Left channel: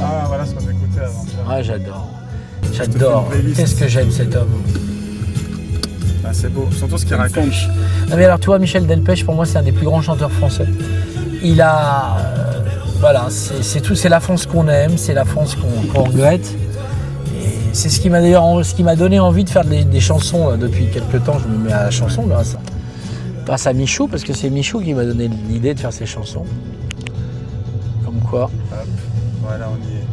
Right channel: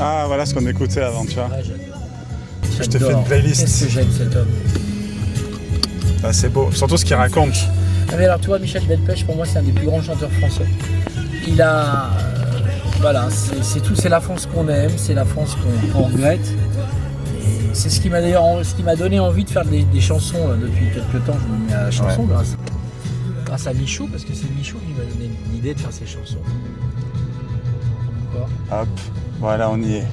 Ah, voilà ce qu'on écoutait avant, tu vois. Ah, j'adore. Je te fais une J'adore. playlist. Qu'est-ce que j'aime cet homme. Ah, c'est beau, surtout ce qu'il raconte. Non mais alors tu vois, Michel Delpech, pour moi, c'est un des plus grands chanteurs français. Il a... voilà, c'est la France qu'on aime, c'est la France qu'on regrette. Et c'est ce qui m'a donné envie de faire des chansons depuis quelques temps. Je me mets à la chanson grâce à Michou, parce que c'est Michou qui m'a donné l'idée de faire ces chansons. Comme quoi. Hop, voilà, on y est.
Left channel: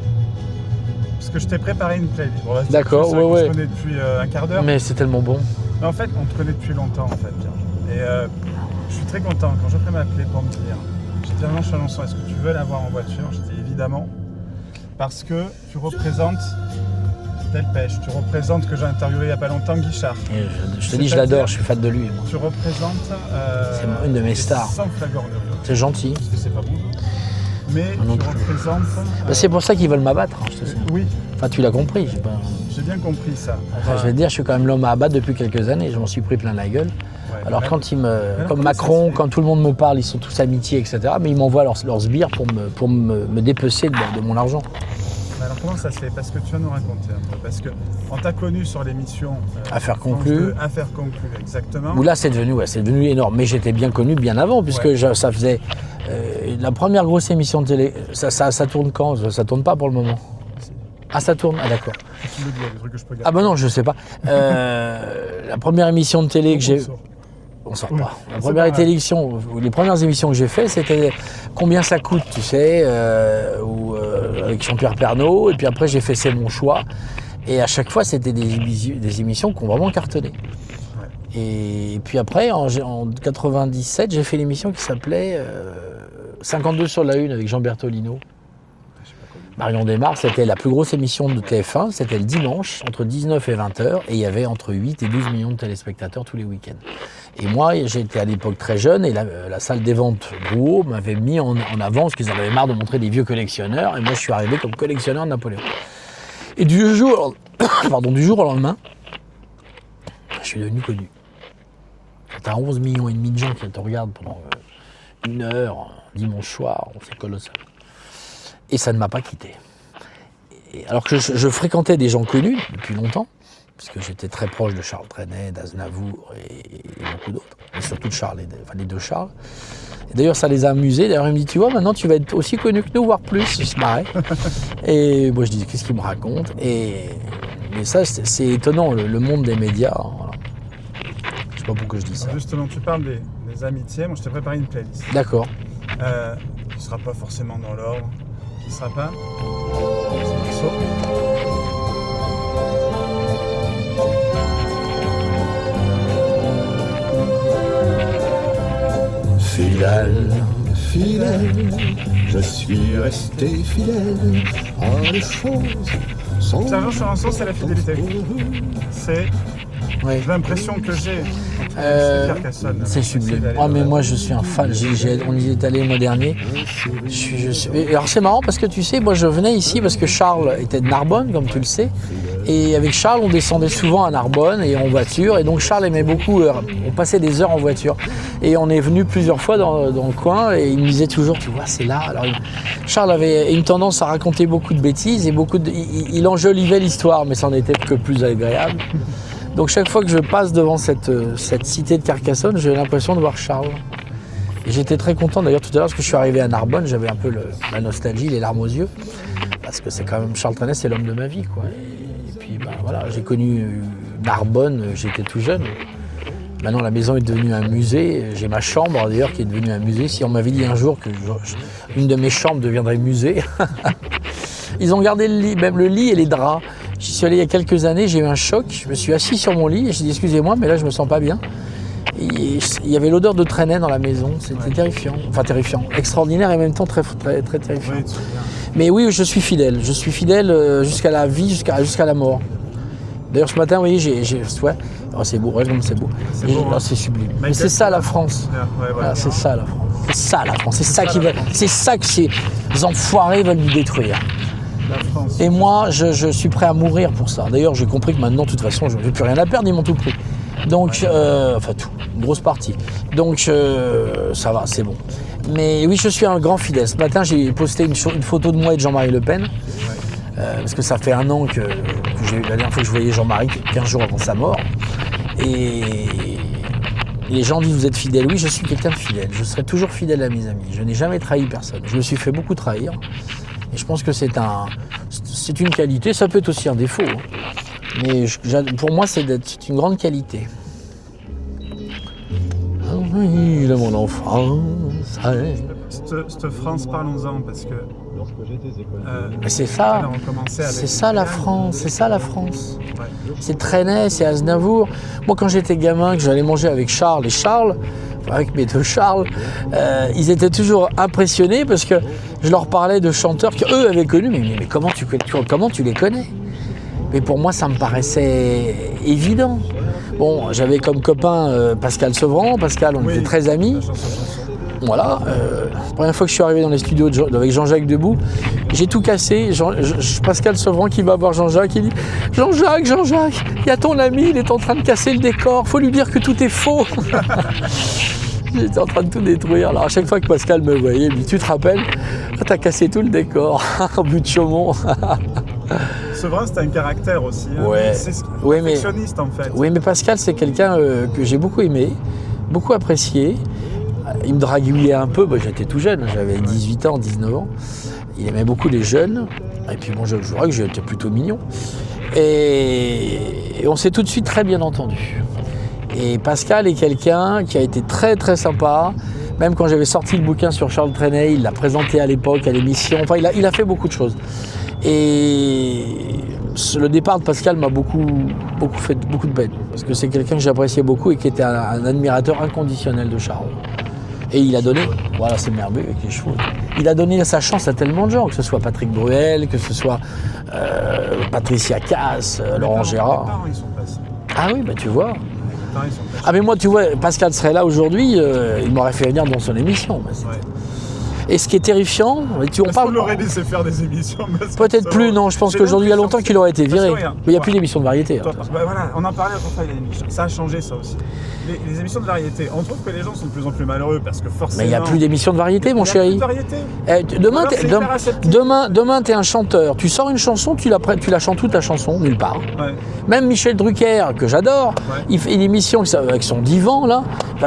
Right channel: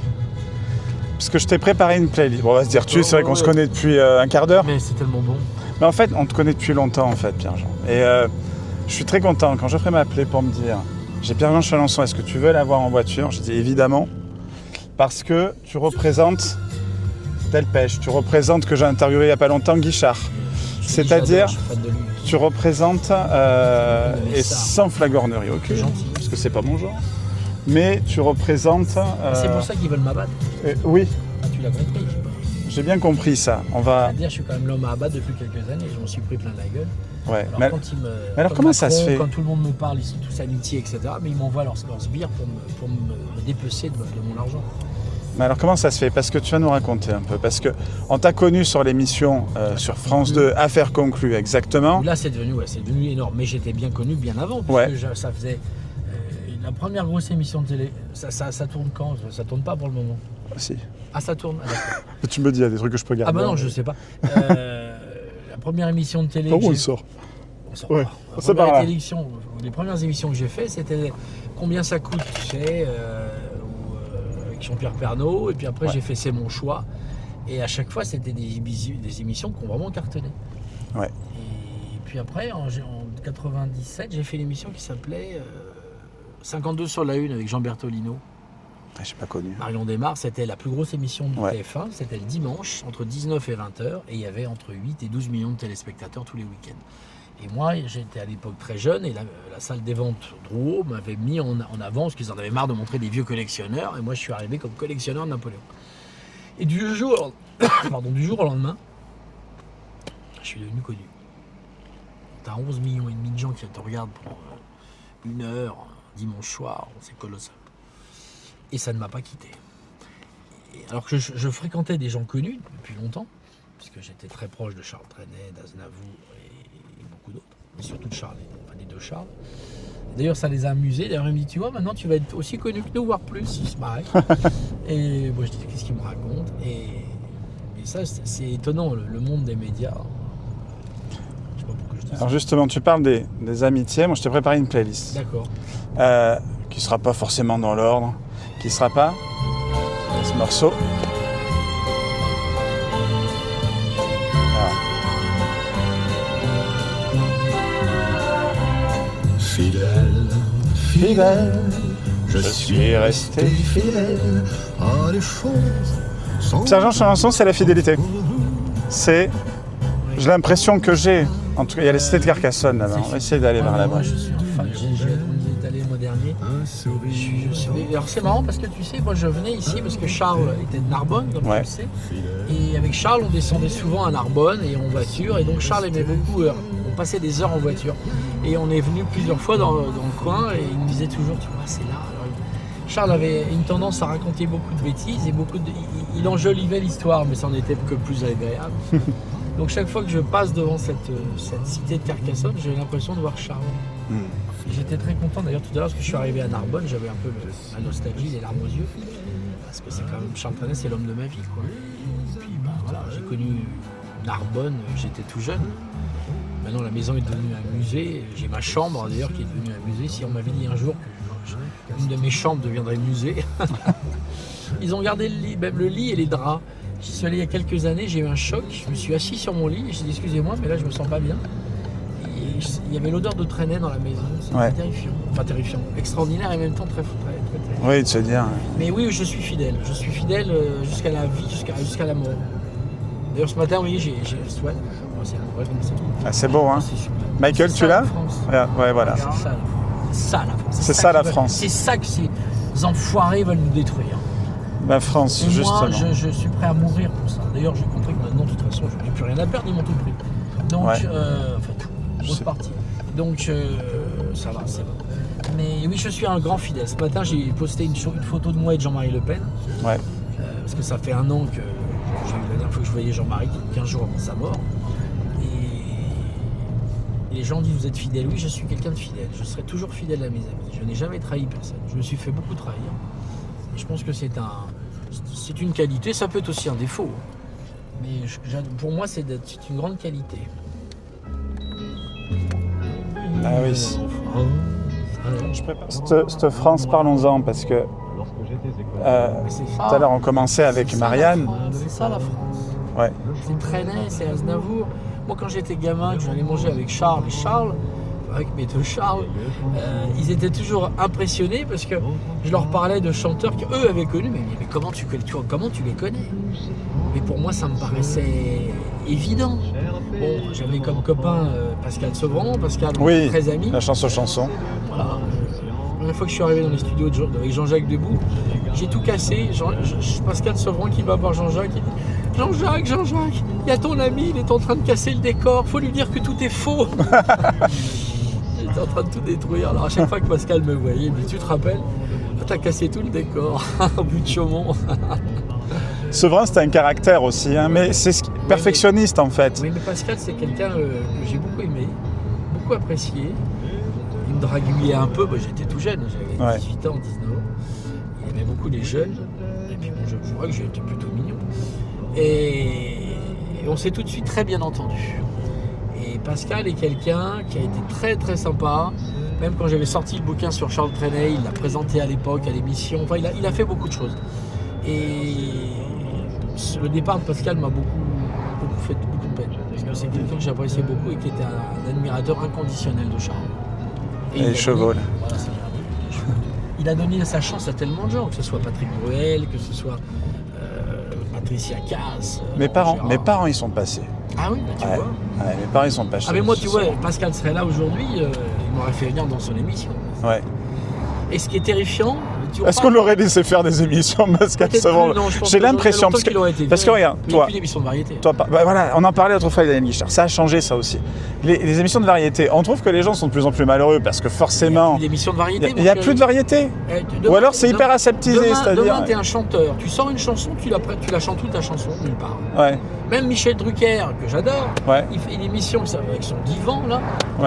Parce que je t'ai préparé une playlist. Bon, on va se dire que c'est vrai qu'on se connaît depuis un quart d'heure. Mais c'est tellement bon. Mais en fait, on te connaît depuis longtemps, en fait, Pierre-Jean. Et je suis très content quand Geoffrey m'a appelé pour me dire « J'ai Pierre-Jean Chalancon, est-ce que tu veux l'avoir en voiture ?» J'ai dit « Évidemment, parce que tu représentes Delpech, tu représentes que j'ai interviewé il n'y a pas longtemps Guichard. Je l'adore, je suis fan de lui. Tu représentes une de mes stars. sans flagornerie. Okay. C'est gentil. Parce que c'est pas mon genre. Mais tu représentes... C'est pour ça qu'ils veulent m'abattre. Oui. Enfin, tu l'as compris. J'ai bien compris ça. Je vais te dire, je suis quand même l'homme à abattre depuis quelques années. Je m'en suis pris plein la gueule. Ouais. Alors comme Macron, quand tout le monde me parle, ils sont tous amitiés, etc. Mais ils m'envoient leurs sbires pour me dépecer de mon argent. Mais alors comment ça se fait? Parce que tu vas nous raconter un peu. Parce qu'on t'a connu sur l'émission sur France 2, Affaires conclues, exactement. Où là, c'est devenu énorme. Mais j'étais bien connu bien avant, puisque ça faisait... la première grosse émission de télé, ça tourne quand? Ça tourne pas pour le moment. Si. Ah, ça tourne? Ah, d'accord. Et tu me dis, il y a des trucs que je peux garder. Ah bah non, je sais pas. La première émission de télé que j'ai... On sort pas. Les premières émissions que j'ai faites, c'était Combien ça coûte, tu sais, avec Jean-Pierre Pernaut. Et puis après, j'ai fait C'est mon choix. Et à chaque fois, c'était des émissions qui ont vraiment cartonné. Ouais. Et puis après, en 97, j'ai fait l'émission qui s'appelait 52 sur la une avec Jean Bertolino. J'ai pas connu. Marion Desmarres, c'était la plus grosse émission de TF1, c'était le dimanche, entre 19 et 20h, et il y avait entre 8 et 12 millions de téléspectateurs tous les week-ends. Et moi, j'étais à l'époque très jeune, et la salle des ventes Drouot m'avait mis en avant, parce qu'ils en avaient marre de montrer des vieux collectionneurs, et moi je suis arrivé comme collectionneur de Napoléon. Et du jour au lendemain, je suis devenu connu. T'as 11 millions et demi de gens qui te regardent pendant une heure, dimanche soir, c'est colossal. Et ça ne m'a pas quitté. Alors que je fréquentais des gens connus depuis longtemps, parce que j'étais très proche de Charles Trenet, d'Aznavour et beaucoup d'autres, et surtout de Charles, les deux Charles. Et d'ailleurs, ça les a amusés. D'ailleurs, il me dit, tu vois, maintenant tu vas être aussi connu que nous, voire plus. Il se marrait. Et moi, je dis, qu'est-ce qu'il me raconte? Mais ça, c'est étonnant, le monde des médias. Voilà. Je sais pas pourquoi je dis ça. Alors justement, tu parles des amitiés. Moi, je t'ai préparé une playlist. D'accord. Qui ne sera pas forcément dans l'ordre. Qui ne sera pas ce morceau. Fidèle, je suis resté fidèle à une chose. Pierre-Jean Chalancon, c'est la fidélité. C'est... Ouais. J'ai l'impression que j'ai... En tout cas, il y a le cité de Carcassonne là-bas. On essaie d'aller moi, je suis un fan. On y est allé le mois dernier. Alors, c'est marrant parce que tu sais, moi, je venais ici parce que Charles était de Narbonne, comme tu le sais. Et avec Charles, on descendait souvent à Narbonne et en voiture. Et donc, Charles aimait beaucoup. On passait des heures en voiture. Et on est venu plusieurs fois dans le coin. Et il me disait toujours, tu vois, c'est là. Alors, Charles avait une tendance à raconter beaucoup de bêtises et il enjolivait l'histoire, mais ça n'en était que plus agréable. Donc chaque fois que je passe devant cette cité de Carcassonne, j'ai l'impression de voir Charles. Et j'étais très content d'ailleurs tout à l'heure parce que je suis arrivé à Narbonne, j'avais un peu la nostalgie, les larmes aux yeux. Parce que c'est quand même Charles Trenet, c'est l'homme de ma vie, quoi. Et puis voilà, j'ai connu Narbonne, j'étais tout jeune. Maintenant la maison est devenue un musée, j'ai ma chambre d'ailleurs qui est devenue un musée. Si on m'avait dit un jour que une de mes chambres deviendrait musée, ils ont gardé le lit, même le lit et les draps. J'y suis allé il y a quelques années, j'ai eu un choc, je me suis assis sur mon lit et j'ai dit excusez-moi mais là je me sens pas bien. Et il y avait l'odeur de Trenet dans la maison, c'était terrifiant. Enfin terrifiant, extraordinaire et en même temps très terrifiant. Oui, tu veux dire. Mais oui, je suis fidèle jusqu'à la vie, jusqu'à la mort. D'ailleurs ce matin, oui, c'est beau, c'est beau. Ah, c'est beau, hein. C'est sublime. Michael, c'est ça la France. Ouais, voilà. C'est ça la France. C'est ça la France. C'est ça que ces enfoirés veulent nous détruire. La France. Et moi, je suis prêt à mourir pour ça. D'ailleurs, j'ai compris que maintenant, de toute façon, je n'ai plus rien à perdre, ils m'ont tout pris. Donc, enfin tout, une grosse partie. Donc, ça va, c'est bon. Mais oui, je suis un grand fidèle. Ce matin, j'ai posté une photo de moi et de Jean-Marie Le Pen. Ouais. Parce que ça fait 1 an que la dernière fois que je voyais Jean-Marie, 15 jours avant sa mort. Et les gens disent vous êtes fidèle. Oui, je suis quelqu'un de fidèle. Je serai toujours fidèle à mes amis. Je n'ai jamais trahi personne. Je me suis fait beaucoup trahir. Et je pense que c'est une qualité. Ça peut être aussi un défaut. Mais pour moi, c'est une grande qualité. De mon enfance. Cette France, parlons-en, parce que c'est ça. tout à l'heure on commençait avec c'est ça, Marianne. la France, c'est ça la France. Ouais. C'est Trenet, c'est Aznavour. Moi quand j'étais gamin, que j'allais manger avec Charles, avec mes 2 Charles, ils étaient toujours impressionnés parce que je leur parlais de chanteurs qu'eux avaient connus. Mais comment tu les connais? Mais pour moi ça me paraissait évident. Bon, j'avais comme copain Pascal Sevran. Pascal, on était très amis. La chanson. Voilà. La première fois que je suis arrivé dans les studios avec Jean-Jacques Debout, j'ai tout cassé. Pascal Sevran qui va voir Jean-Jacques, il dit « Jean-Jacques, il y a ton ami, il est en train de casser le décor. Faut lui dire que tout est faux. » J'étais en train de tout détruire. Alors à chaque fois que Pascal me voyait, il me dit « Tu te rappelles, t'as cassé tout le décor en but de Chaumont. » Sevran, c'est un caractère aussi, hein, mais c'est perfectionniste en fait. Oui, mais Pascal, c'est quelqu'un que j'ai beaucoup aimé, beaucoup apprécié. Il me draguillait un peu, j'étais tout jeune, j'avais 18 ans, 19 ans. Il aimait beaucoup les jeunes, et puis bon, je vois que j'étais plutôt mignon. Et on s'est tout de suite très bien entendu. Et Pascal est quelqu'un qui a été très très sympa. Même quand j'avais sorti le bouquin sur Charles Trenet, il l'a présenté à l'époque à l'émission. Enfin, il a fait beaucoup de choses. Et le départ de Pascal m'a fait beaucoup de peine. Parce que c'est quelqu'un que j'appréciais beaucoup et qui était un admirateur inconditionnel de Charles. Et il a donné, voilà, c'est merveilleux avec les chevaux. Il a donné sa chance à tellement de gens, que ce soit Patrick Bruel, que ce soit Patricia Cass, Laurent Gérard. Mes parents, ils sont passés. Ah oui, tu vois. Ouais, mes parents, ils sont passés. Ah mais moi, tu vois, Pascal serait là aujourd'hui, il m'aurait fait venir dans son émission. Et ce qui est terrifiant... Est-ce qu'on l'aurait laissé faire des émissions? Peut-être plus, non, je pense qu'aujourd'hui, il y a longtemps qu'il aurait été viré. Il n'y a plus d'émissions de variété. Voilà, on en parlait autrefois avec Daniel Guichard. Ça a changé, ça aussi. Les émissions de variété, on trouve que les gens sont de plus en plus malheureux parce que forcément... Il n'y a plus d'émissions de variété, mon chéri. chéri. Il n'y a plus de variété. Ou alors c'est hyper aseptisé. Demain, tu es un chanteur. Tu sors une chanson, tu la chantes toute ta chanson, nulle part. Ouais. Même Michel Drucker, que j'adore, il fait une émission avec son divan, là,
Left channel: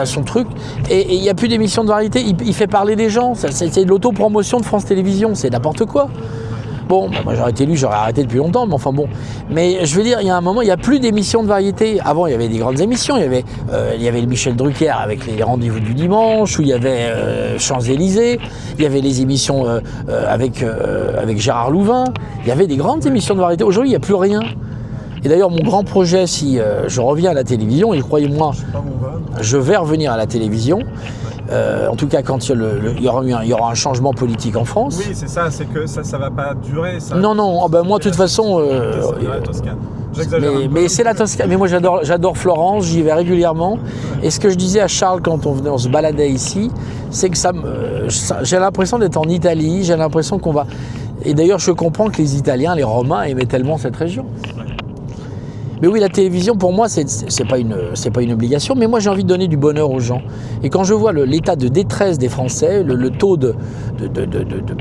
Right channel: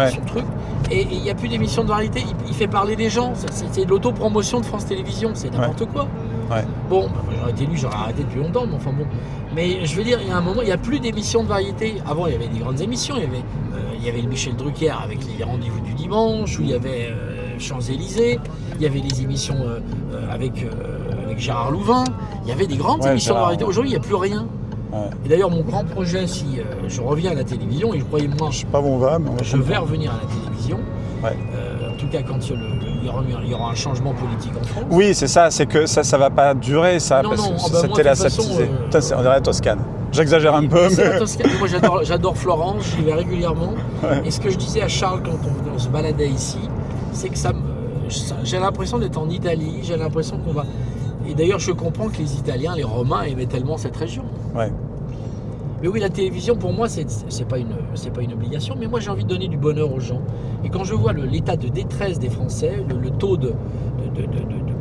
son truc. Et il n'y a plus d'émissions de variété. Il fait parler des gens. C'est de l'autopromotion de France Télévisions, c'est n'importe quoi. Ouais. Bon, moi j'aurais été élu, j'aurais arrêté depuis longtemps, mais enfin bon. Mais je veux dire, il y a un moment, il n'y a plus d'émissions de variété. Avant, il y avait des grandes émissions. Il y avait le Michel Drucker avec les rendez-vous du dimanche, où il y avait Champs-Élysées. Il y avait les émissions avec Gérard Louvain. Il y avait des grandes émissions de variété. Aujourd'hui, il n'y a plus rien. Et d'ailleurs, mon grand projet, si je reviens à la télévision, et croyez-moi, je vais revenir à la télévision. En tout cas, quand il y aura un changement politique en France. Oui, c'est ça, c'est que ça ne va pas durer. Ça, non, moi, de toute façon... on dirait Toscane. J'exagère un peu. Mais c'est la Toscane. Mais moi, j'adore Florence, j'y vais régulièrement. Et ce que je disais à Charles quand on se baladait ici, c'est que j'ai l'impression d'être en Italie, j'ai l'impression qu'on va... Et d'ailleurs, je comprends que les Italiens, les Romains aimaient tellement cette région. Ouais. Mais oui, la télévision, pour moi, c'est pas une obligation, mais moi, j'ai envie de donner du bonheur aux gens. Et quand je vois l'état de détresse des Français, le taux de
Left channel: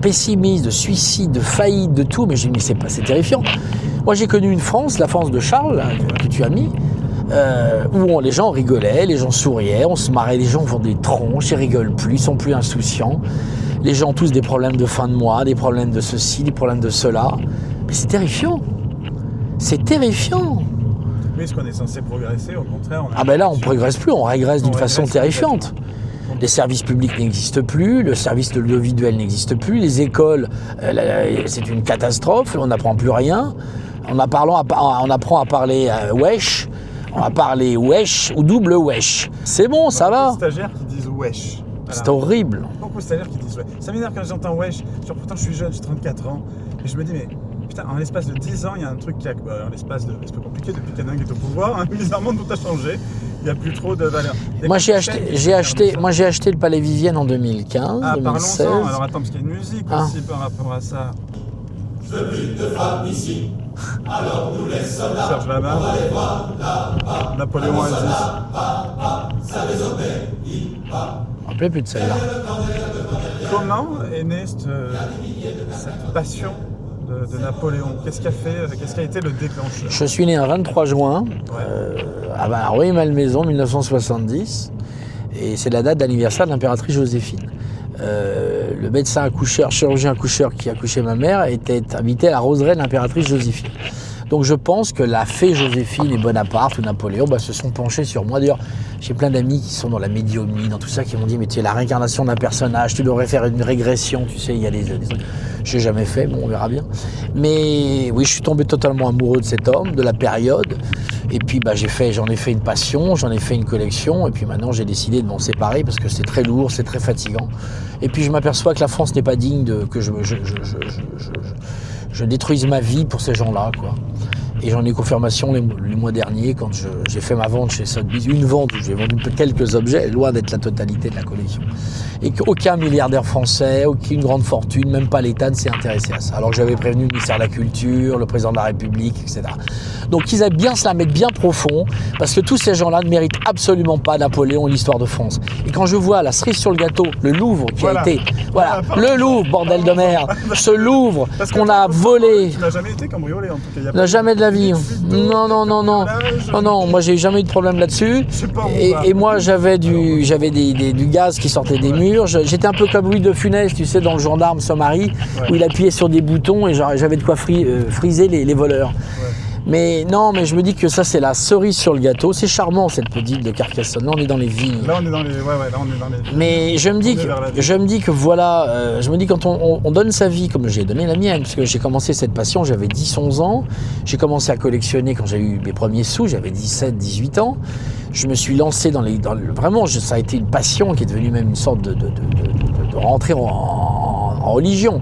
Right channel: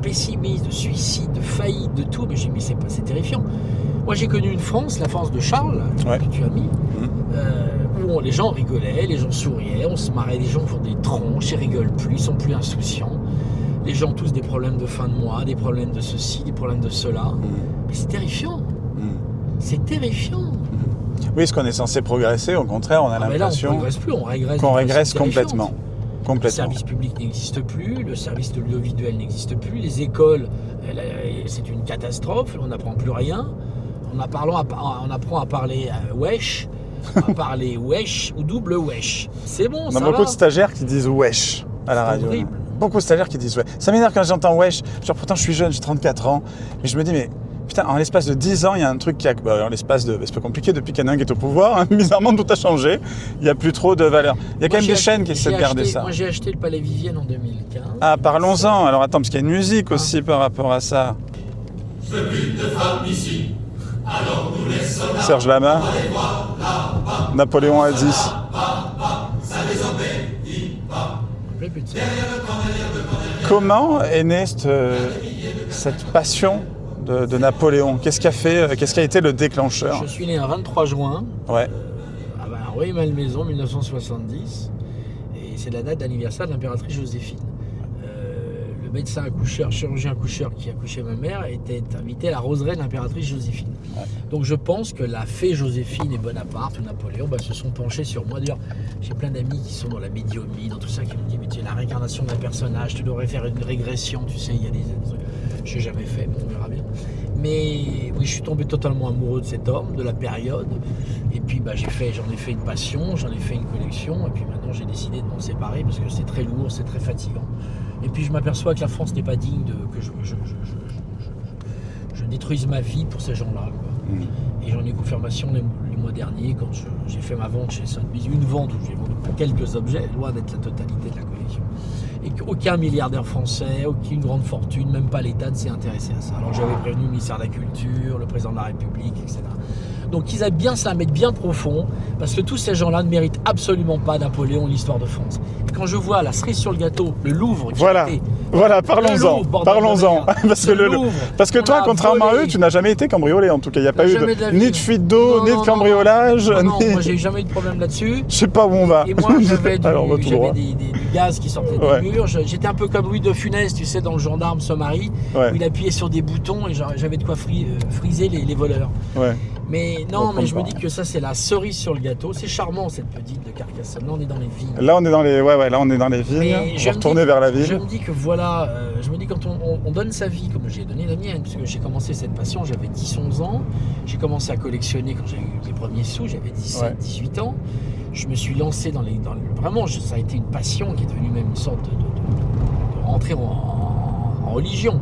pessimisme, de suicide, de faillite, de tout, mais c'est terrifiant. Moi, j'ai connu une France, la France de Charles, que tu as mis, où les gens rigolaient, les gens souriaient, on se marrait, les gens font des tronches, ils rigolent plus, ils sont plus insouciants. Les gens ont tous des problèmes de fin de mois, des problèmes de ceci, des problèmes de cela. Mais c'est terrifiant. C'est terrifiant. Oui, est-ce qu'on est censé progresser? Au contraire, on a là, on ne progresse plus, on régresse d'une façon terrifiante. Les services publics n'existent plus, le service de l'audiovisuel n'existe plus, les écoles, c'est une catastrophe, on n'apprend plus rien. On apprend à parler wesh, on va parler wesh ou double wesh. C'est bon, ça va. Il y a beaucoup de stagiaires qui disent wesh. C'est horrible. Beaucoup de stagiaires qui disent wesh. Ça m'énerve quand j'entends wesh. Pourtant, je suis jeune, j'ai 34 ans. Mais je me dis, mais putain, en l'espace de 10 ans, il y a un truc qui a... en l'espace de... C'est pas compliqué, depuis qu'un qui est au pouvoir, hein, bizarrement, tout a changé. Il n'y a plus trop de valeur. Il y a quand même des chaînes qui se perdent ça. Moi, j'ai acheté le Palais Vivienne en 2015. Ah, parlons-en. Alors attends, parce qu'il y a une musique aussi par rapport à ça. Serge Lama. Napoléon a 10. Je ne me rappelais plus de celle-là. comment est née cette passion de Napoléon? Qu'est-ce qui a été le déclencheur? Je suis né un 23 juin Ouais. à Rueil-Malmaison, 1970. Et c'est la date d'anniversaire de l'impératrice Joséphine. Le médecin accoucheur, chirurgien accoucheur qui accouchait ma mère était invité à la roseraie de l'impératrice Joséphine. Donc je pense que la fée Joséphine et Bonaparte ou Napoléon se sont penchés sur moi. D'ailleurs, j'ai plein d'amis qui sont dans la médiumnie, dans tout ça, qui m'ont dit « mais tu es la réincarnation d'un personnage, tu devrais faire une régression, tu sais, il y a des trucs. » Je n'ai jamais fait, bon, on verra bien. Mais oui, je suis tombé totalement amoureux de cet homme, de la période. Et puis j'en ai fait une passion, j'en ai fait une collection. Et puis maintenant, j'ai décidé de m'en séparer parce que c'est très lourd, c'est très fatigant. Et puis je m'aperçois que la France n'est pas digne que je détruise ma vie pour ces gens-là, quoi. Et j'en ai confirmation les mois derniers quand j'ai fait ma vente chez Sotheby's. Une vente où j'ai vendu quelques objets, loin d'être la totalité de la collection. Et qu'aucun milliardaire français, aucune grande fortune, même pas l'État ne s'est intéressé à ça. Alors que j'avais prévenu le ministère de la Culture, le président de la République, etc. Donc ils aiment bien se la mettre bien profond, parce que tous ces gens-là ne méritent absolument pas Napoléon et l'histoire de France. Et quand je vois la cerise sur le gâteau, le Louvre qui a été... le Louvre, bordel de merde. Ce Louvre parce que toi, contrairement à eux, tu n'as jamais été cambriolé en tout cas. Il n'y a pas jamais de la vie. Ni de fuite d'eau, ni de cambriolage. Non, moi j'ai jamais eu de problème là-dessus. Je sais pas où on va. Et moi j'avais du gaz qui sortait des murs. J'étais un peu comme Louis de Funès, tu sais, dans Le Gendarme Somari, où il appuyait sur des boutons et j'avais de quoi friser les voleurs. Ouais. Mais non, mais je me dis que ça c'est la cerise sur le gâteau. C'est charmant cette petite de Carcassonne. Là on est dans les villes. Là on est dans les villes. Mais je me dis que voilà, je me dis quand on donne sa vie, comme j'ai donné la mienne, parce que j'ai commencé cette passion, j'avais 10-11 ans. J'ai commencé à collectionner quand j'ai eu mes premiers sous, j'avais 17-18 ans. Je me suis lancé vraiment, ça a été une passion qui est devenue même une sorte de rentrer en religion.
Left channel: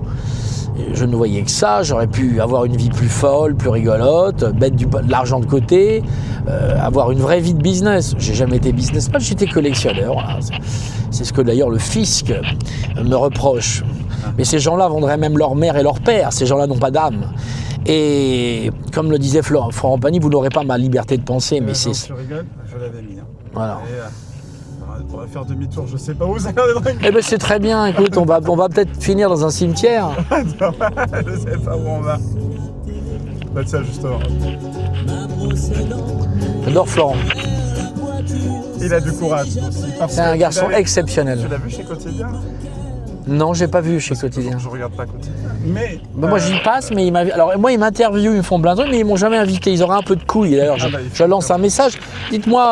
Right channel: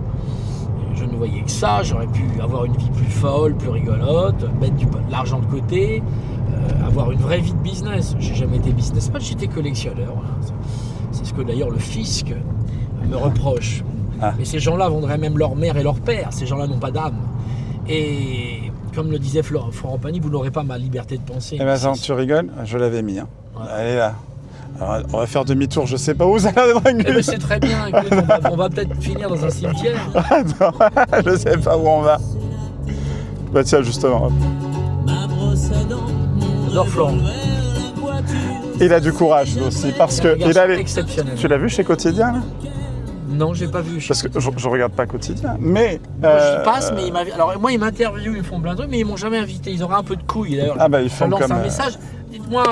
Je ne voyais que ça, j'aurais pu avoir une vie plus folle, plus rigolote, mettre de l'argent de côté, avoir une vraie vie de business. J'ai jamais été businessman, j'étais collectionneur. Voilà. C'est ce que d'ailleurs le fisc me reproche. Mais ces gens-là vendraient même leur mère et leur père, ces gens-là n'ont pas d'âme. Et comme le disait Florent Pagny, vous n'aurez pas ma liberté de penser. Mais tu rigoles, je l'avais mis. Voilà. Allez là. Alors, on va faire demi-tour, je sais pas où ça va. Mais c'est très bien, écoute, on va peut-être finir dans un cimetière. Je sais pas où on va. Bah tiens, justement. J'adore Florent. Il a du courage aussi, parce c'est que un garçon exceptionnel. Tu l'as vu chez Quotidien là? Non, j'ai pas vu chez Quotidien. Parce que je regarde pas Quotidien, mais... Moi j'y passe, mais ils m'interviewent, ils me font plein de trucs, mais ils m'ont jamais invité. Ils auraient un peu de couilles d'ailleurs. Je lance un message. Dites-moi,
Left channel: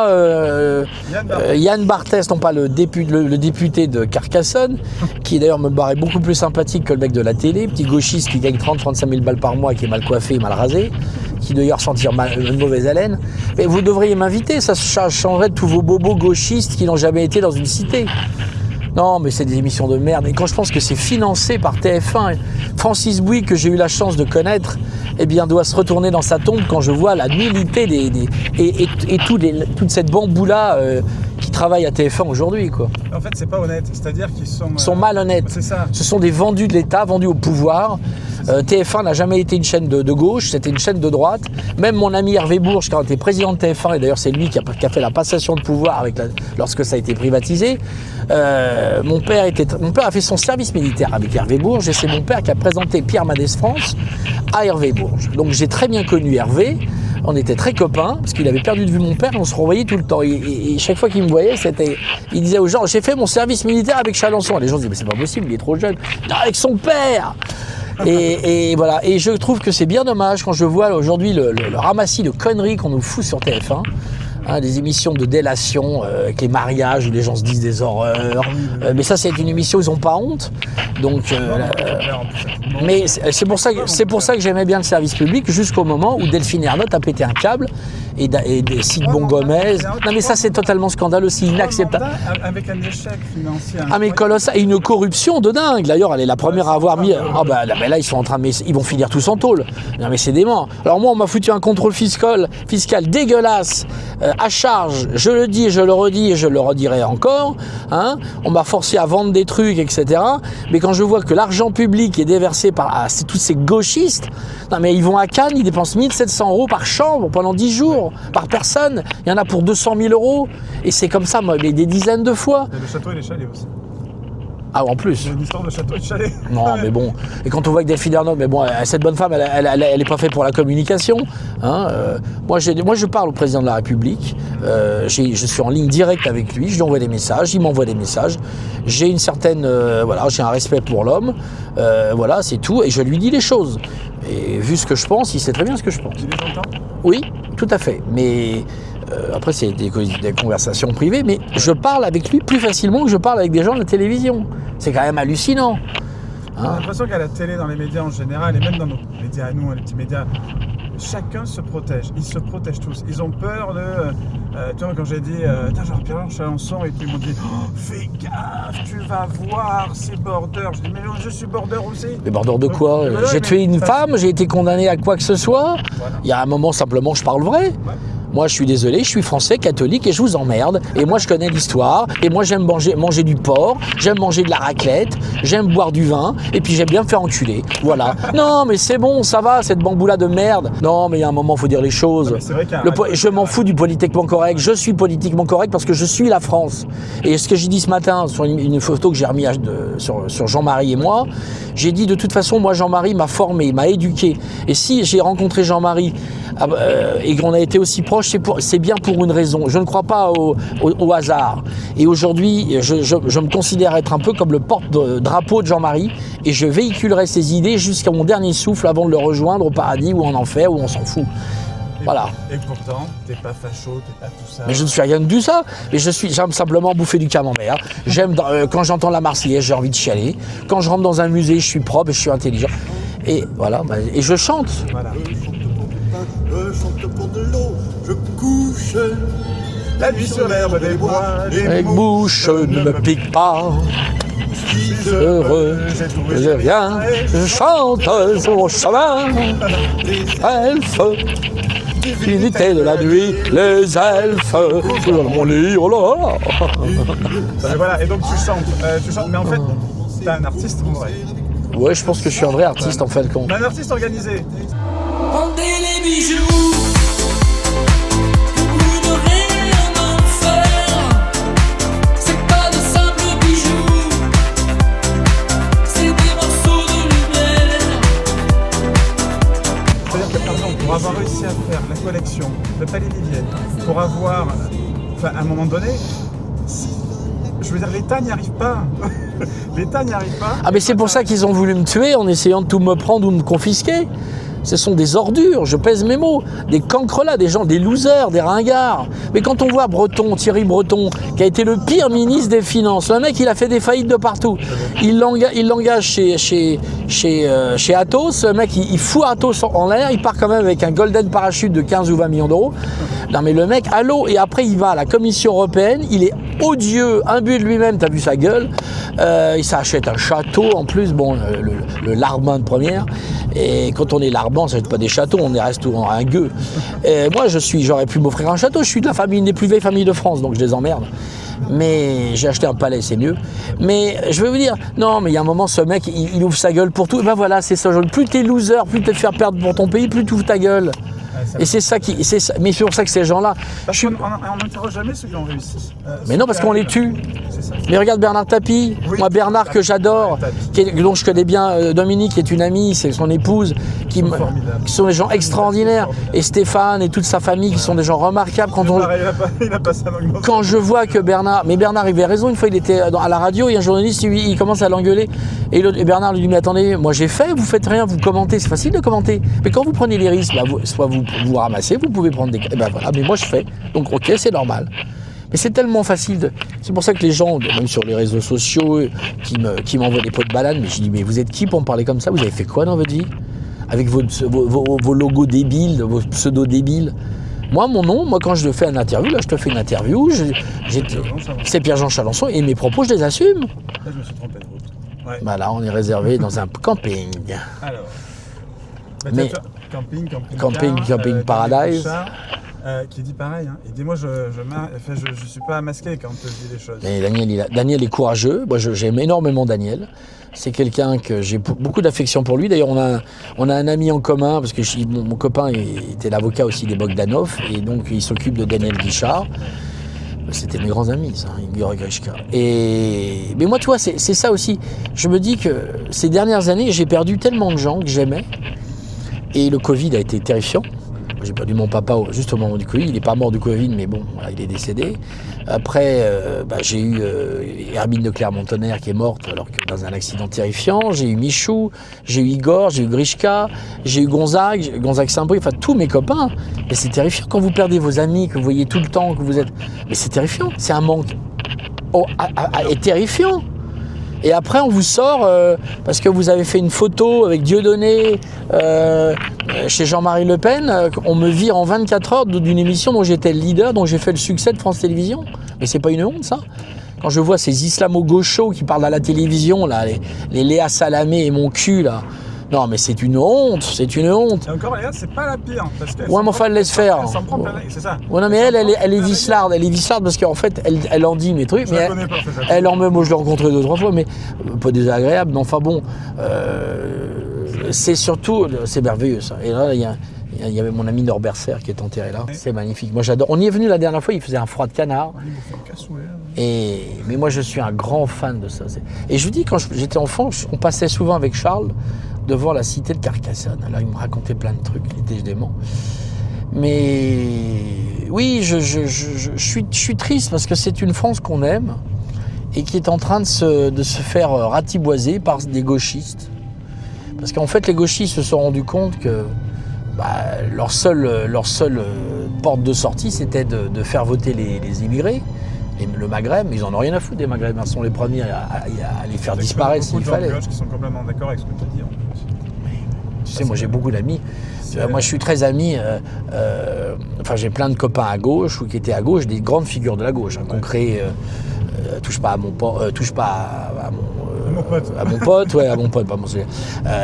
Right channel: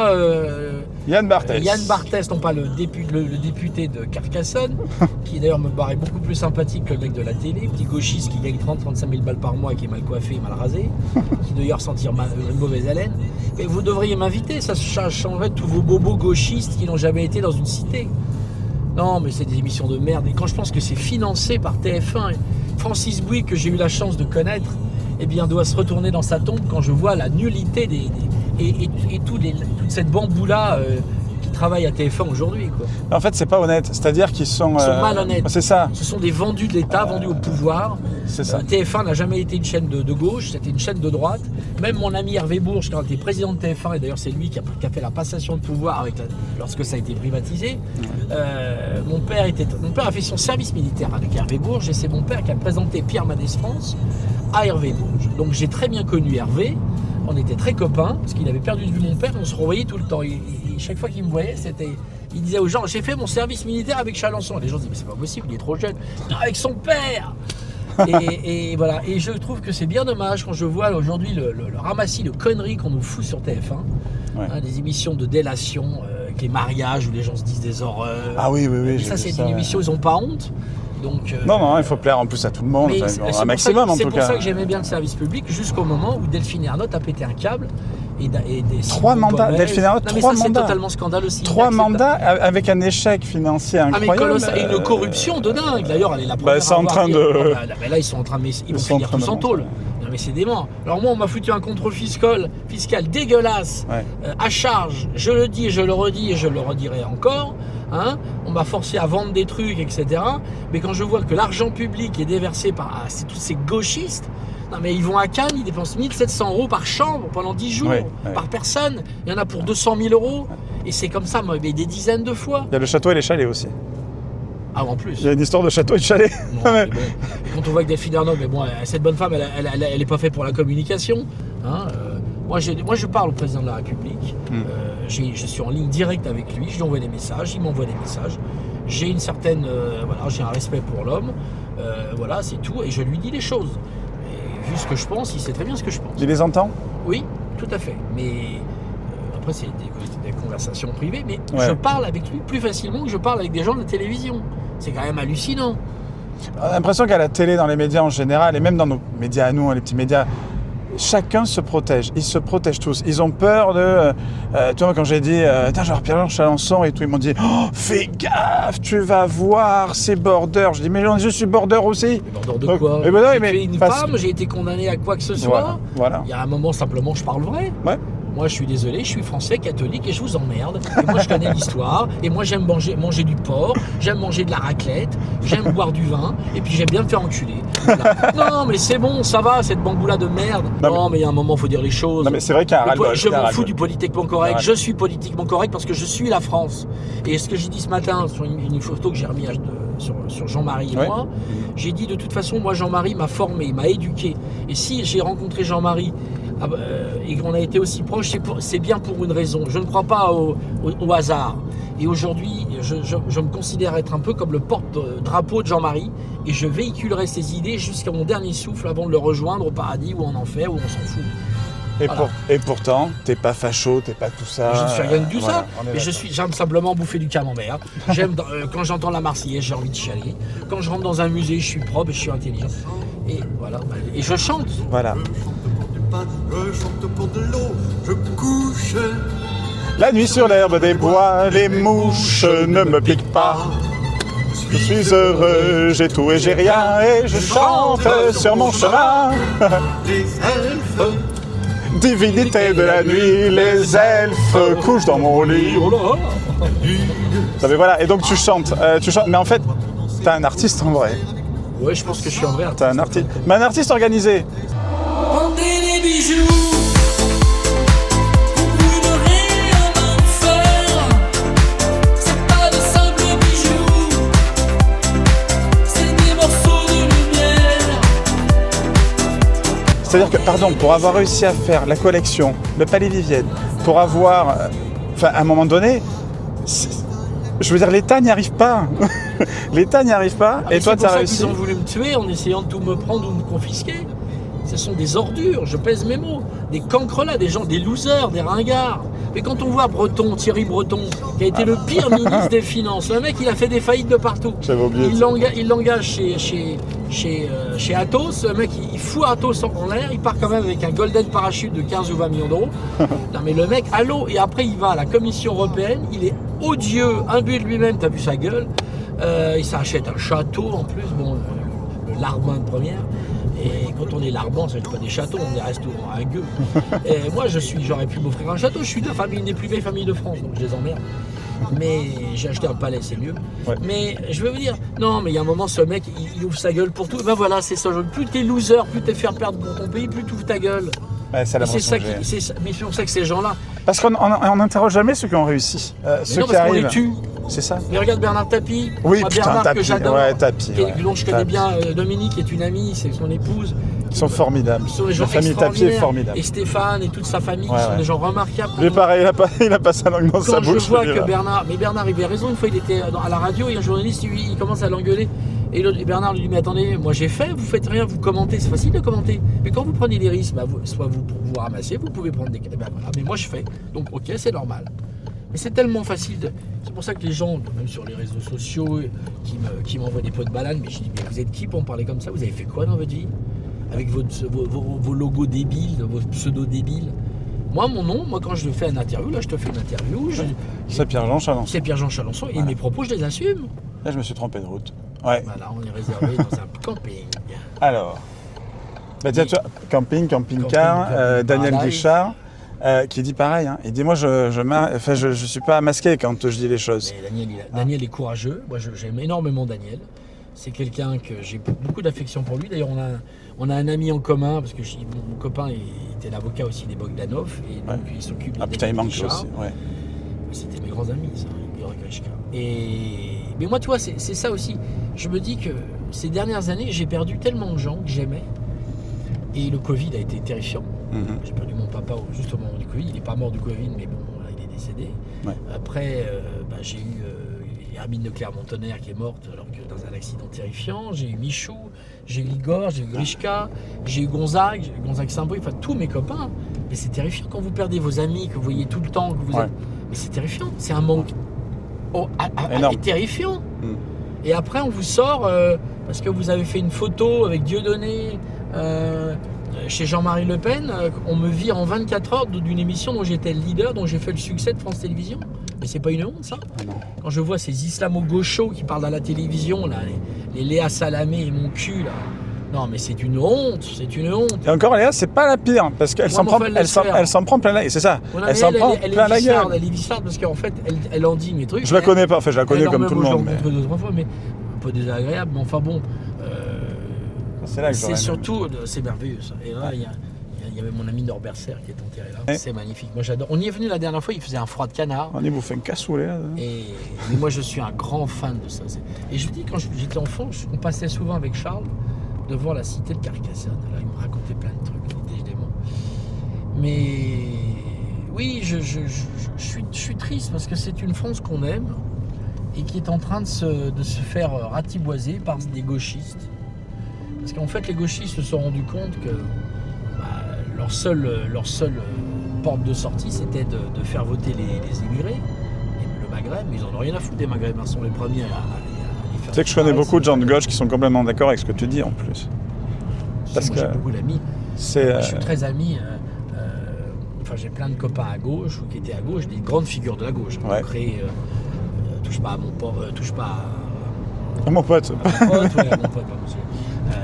Yann Barthès, non pas le député de Carcassonne, qui d'ailleurs me paraît beaucoup plus sympathique que le mec de la télé, petit gauchiste qui gagne 30-35 000 balles par mois, qui est mal coiffé et mal rasé, qui d'ailleurs sentir une mauvaise haleine. Mais vous devriez m'inviter, ça changerait de tous vos bobos gauchistes qui n'ont jamais été dans une cité. Non, mais c'est des émissions de merde. Et quand je pense que c'est financé par TF1, Francis Bouygues, que j'ai eu la chance de connaître, eh bien, doit se retourner dans sa tombe quand je vois la nullité et toute cette bamboula qui travaillent à TF1 aujourd'hui, quoi. En fait, c'est pas honnête. C'est-à-dire qu'ils sont... Ils sont malhonnêtes. C'est ça. Ce sont des vendus de l'État, vendus au pouvoir. TF1 n'a jamais été une chaîne de gauche, c'était une chaîne de droite. Même mon ami Hervé Bourges, quand il était président de TF1, et d'ailleurs c'est lui qui a fait la passation de pouvoir lorsque ça a été privatisé, mon père a fait son service militaire avec Hervé Bourges, et c'est mon père qui a présenté Pierre Mendès France à Hervé Bourges. Donc j'ai très bien connu Hervé. On était très copains, parce qu'il avait perdu de vue mon père, et on se revoyait tout le temps. Et chaque fois qu'il me voyait, il disait aux gens, j'ai fait mon service militaire avec Chalençon. Et les gens disaient, mais c'est pas possible, il est trop jeune. Non, avec son père. Et voilà. Et je trouve que c'est bien dommage quand je vois aujourd'hui le ramassis de conneries qu'on nous fout sur TF1. Des émissions de délation avec les mariages où les gens se disent des horreurs. Mais ça, c'est une émission où ils n'ont pas honte. Donc, non, il faut plaire en plus à tout le monde. Mais c'est pour ça que j'aimais bien le service public jusqu'au moment où Delphine Ernotte a pété un câble et Simon Gomez. Non, mais ça, c'est totalement scandaleux aussi. 3 mandats avec un échec financier incroyable. Ah, mais colossal, et une corruption de dingue. D'ailleurs, elle est la première à avoir dit. Là, ils sont en train de. Ils vont finir tous en tôle. Non, mais c'est dément. Alors, moi, on m'a foutu un contrôle fiscal dégueulasse. À charge, je le dis, je le redis et je le redirai encore. On m'a forcé à vendre des trucs, etc. Mais quand je vois que l'argent public est déversé par tous ces gauchistes, non mais ils vont à Cannes, ils dépensent 1 700 € par chambre pendant 10 jours, par personne. Il y en a pour 200 000 €. Et c'est comme ça, moi, des dizaines de fois. Il y a le château et les chalets aussi. Ah, en plus. Il y a une histoire de château et de chalet. Non, mais bon. Et quand on voit que Delphine Ernotte, mais bon, cette bonne femme, elle n'est pas faite pour la communication. Hein. Moi, je parle au président de la République. Je suis en ligne directe avec lui. Je lui envoie des messages. Il m'envoie des messages. J'ai une certaine, j'ai un respect pour l'homme. Voilà, c'est tout. Et je lui dis les choses. Et vu ce que je pense, il sait très bien ce que je pense. Tu les entends? Oui, tout à fait. Mais après, c'est des conversations privées. Mais je parle avec lui plus facilement que je parle avec des gens de la télévision. C'est quand même hallucinant. On a l'impression qu'à la télé, dans les médias en général, et même dans nos médias à nous, les petits médias, chacun se protège. Ils se protègent tous. Ils ont peur de... tu vois, quand j'ai dit genre Pierre-Jean Chalençon et tout, ils m'ont dit fais gaffe, tu vas voir, c'est border. Je dis mais je suis border aussi. Mais border de quoi? J'ai tué une femme, j'ai été condamné à quoi que ce soit. Voilà. Il y a un moment, simplement, je parle vrai. Ouais. Moi, je suis désolé, je suis français, catholique et je vous emmerde. Et moi, je connais l'histoire. Et moi, j'aime manger du porc, j'aime manger de la raclette, j'aime boire du vin. Et puis, j'aime bien me faire enculer. Voilà. Non, mais c'est bon, ça va, cette bamboula de merde. Non, mais il y a un moment, il faut dire les choses. Non, mais c'est vrai je m'en fous du politiquement correct. Je suis politiquement correct parce que je suis la France. Et ce que j'ai dit ce matin sur une photo que j'ai remis sur Jean-Marie et moi, j'ai dit de toute façon, moi, Jean-Marie m'a formé, m'a éduqué. Et si j'ai rencontré Jean-Marie et qu'on a été aussi proches, c'est bien pour une raison. Je ne crois pas au hasard. Et aujourd'hui, je me considère être un peu comme le porte-drapeau de Jean-Marie et je véhiculerai ses idées jusqu'à mon dernier souffle avant de le rejoindre au paradis ou en enfer ou on s'en fout. Voilà. Et pourtant, t'es pas facho, t'es pas tout ça. Mais je ne suis rien de tout ça. Mais j'aime simplement bouffer du camembert. J'aime quand j'entends la Marseillaise, j'ai envie de chialer. Quand je rentre dans un musée, je suis propre et je suis intelligent. Et voilà. Et je chante. Voilà. Je chante pour de l'eau, je couche. La nuit sur l'herbe des bois, les mouches ne me piquent pas. Je suis heureux, j'ai tout et j'ai rien, et je chante sur mon chemin. Elfes, divinité de la nuit, les elfes couchent dans mon lit. Oh là. Mais voilà, et donc tu chantes, mais en fait, t'es un artiste en vrai. Ouais, je pense que je suis un vrai artiste en fait. Mais un artiste organisé. Vendez les bijoux, vous brûlerez un enfer. C'est pas de simples bijoux, c'est des morceaux de lumière. C'est-à-dire que, pardon, pour avoir réussi à faire la collection, le Palais Vivienne, pour avoir, à un moment donné, je veux dire, l'État n'y arrive pas. L'État n'y arrive pas. Ah mais c'est pour ça qu'ils ont voulu me tuer en essayant de tout me prendre ou de me confisquer. Ce sont des ordures, je pèse mes mots, des cancrelats, des gens, des losers, des ringards. Mais quand on voit Thierry Breton, qui a été le pire ministre des Finances, le mec il a fait des faillites de partout. Il l'engage chez Atos, le mec il fout Atos en l'air, il part quand même avec un golden parachute de 15 ou 20 millions d'euros. Non mais le mec, allô, et après il va à la Commission européenne, il est odieux, imbu de lui-même, t'as vu sa gueule. Il s'achète un château en plus, bon, le Larbin de première. Et quand on est Larbin, ça n'est pas des châteaux, on est restaurant un gueux. Et moi, j'aurais pu m'offrir un château. Je suis de la famille, une des plus vieilles familles de France, donc je les emmerde. Mais j'ai acheté un palais, c'est mieux. Ouais. Mais je vais vous dire, non, mais il y a un moment, ce mec, il ouvre sa gueule pour tout. Et ben voilà, c'est ça. Plus t'es loser, plus t'es te faire perdre pour ton pays, plus tu ouvres ta gueule. Ouais, et c'est ça qui, mais c'est pour ça que ces gens-là. Parce qu'on n'interroge jamais ceux qui ont réussi. Mais non, parce qu'on les tue. C'est ça. Mais regarde Bernard Tapie. Oui, moi, Bernard Tapie, que j'adore, ouais, dont je connais bien, Dominique, qui est une amie, c'est son épouse. Ils sont formidables. Qui sont des gens extraordinaires. Et Stéphane et toute sa famille, qui sont des gens remarquables. Quand il a pas ça dans quand je vois que Bernard, mais Bernard avait raison, une fois il était à la radio et un journaliste il commence à l'engueuler et Bernard lui dit mais attendez, moi j'ai fait, vous faites rien, vous commentez, c'est facile de commenter, mais quand vous prenez les risques, soit vous ramassez, vous pouvez prendre des... Ben voilà, mais moi je fais, donc ok, c'est normal. Mais c'est tellement facile, c'est pour ça que les gens, même sur les réseaux sociaux, qui m'envoient des pots de banane, mais je dis mais vous êtes qui pour me parler comme ça, vous avez fait quoi dans votre vie? Avec vos logos débiles, vos pseudos débiles. Moi, mon nom, quand je fais une interview, là, je te fais une interview. C'est Pierre-Jean Chalençon. C'est Pierre-Jean Chalençon et mes propos, je les assume. Là, je me suis trompé de route. Ouais. Bah là, on est réservé dans un camping. Alors, camping, Daniel Bouchard, qui dit pareil. Hein. Il dit moi, je suis pas masqué quand je dis les choses. Mais Daniel est courageux. Moi, j'aime énormément Daniel. C'est quelqu'un que j'ai beaucoup d'affection pour lui. D'ailleurs, on a un ami en commun, parce que mon copain était l'avocat aussi des Bogdanov, et donc il s'occupe de Daniel Richard. C'était mes grands amis, ça, Igor et Grishka. Mais moi, tu vois, c'est ça aussi. Je me dis que ces dernières années, j'ai perdu tellement de gens que j'aimais. Et le Covid a été terrifiant. J'ai perdu mon papa juste au moment du Covid. Il n'est pas mort du Covid, mais bon, voilà, il est décédé. Ouais. Après, j'ai eu Hermine de Clermont-Tonnerre qui est morte alors que dans un accident terrifiant. J'ai eu Michou, j'ai eu Igor, j'ai eu Grishka, j'ai eu Gonzague Saint-Brieuc, enfin tous mes copains. Et c'est terrifiant quand vous perdez vos amis, que vous voyez tout le temps, que vous êtes. Mais c'est terrifiant, c'est un manque terrifiant. Et après, on vous sort parce que vous avez fait une photo avec Dieudonné chez Jean-Marie Le Pen. On me vire en 24 heures d'une émission dont j'étais le leader, dont j'ai fait le succès de France Télévisions. Mais c'est pas une honte, ça? Quand je vois ces islamo-gauchos qui parlent à la télévision, là, les Léa Salamé et mon cul, là. Non, mais c'est une honte, c'est une honte. Et encore, Léa, c'est pas la pire, parce qu'elle s'en prend plein la gueule, c'est ça. Ouais, non, mais elle est vislarde, parce qu'en fait, elle en dit mes trucs. Je la connais pas, en fait, je la connais comme tout le monde. Moi, je l'ai rencontrée 2-3 fois, mais pas désagréable, mais enfin bon, c'est surtout, c'est merveilleux, ça. Et là, il y avait mon ami Norbert Serre qui est enterré là, c'est magnifique. Moi, j'adore. On y est venu la dernière fois, il faisait un froid de canard. On y bouffait une cassoulet. Mais moi, je suis un grand fan de ça. Et je vous dis, quand j'étais enfant, on passait souvent avec Charles devant la cité de Carcassonne. Là, il me racontait plein de trucs, il était dément. Mais oui, je suis triste parce que c'est une France qu'on aime et qui est en train de se faire ratiboiser par des gauchistes. Parce qu'en fait, les gauchistes se sont rendus compte que leur seule porte de sortie, c'était de faire voter les immigrés. Et le Maghreb, ils en ont rien à foutre des Maghrébins, ils sont les premiers à les faire disparaître. Tu sais que je connais beaucoup de gens de gauche qui sont complètement d'accord avec ce que tu dis en plus. Tu sais, moi j'ai beaucoup d'amis. Moi je suis très ami. J'ai plein de copains à gauche ou qui étaient à gauche, des grandes figures de la gauche. Qui ont créé touche pas à mon pote. À mon pote, à mon pote, pas mon sujet.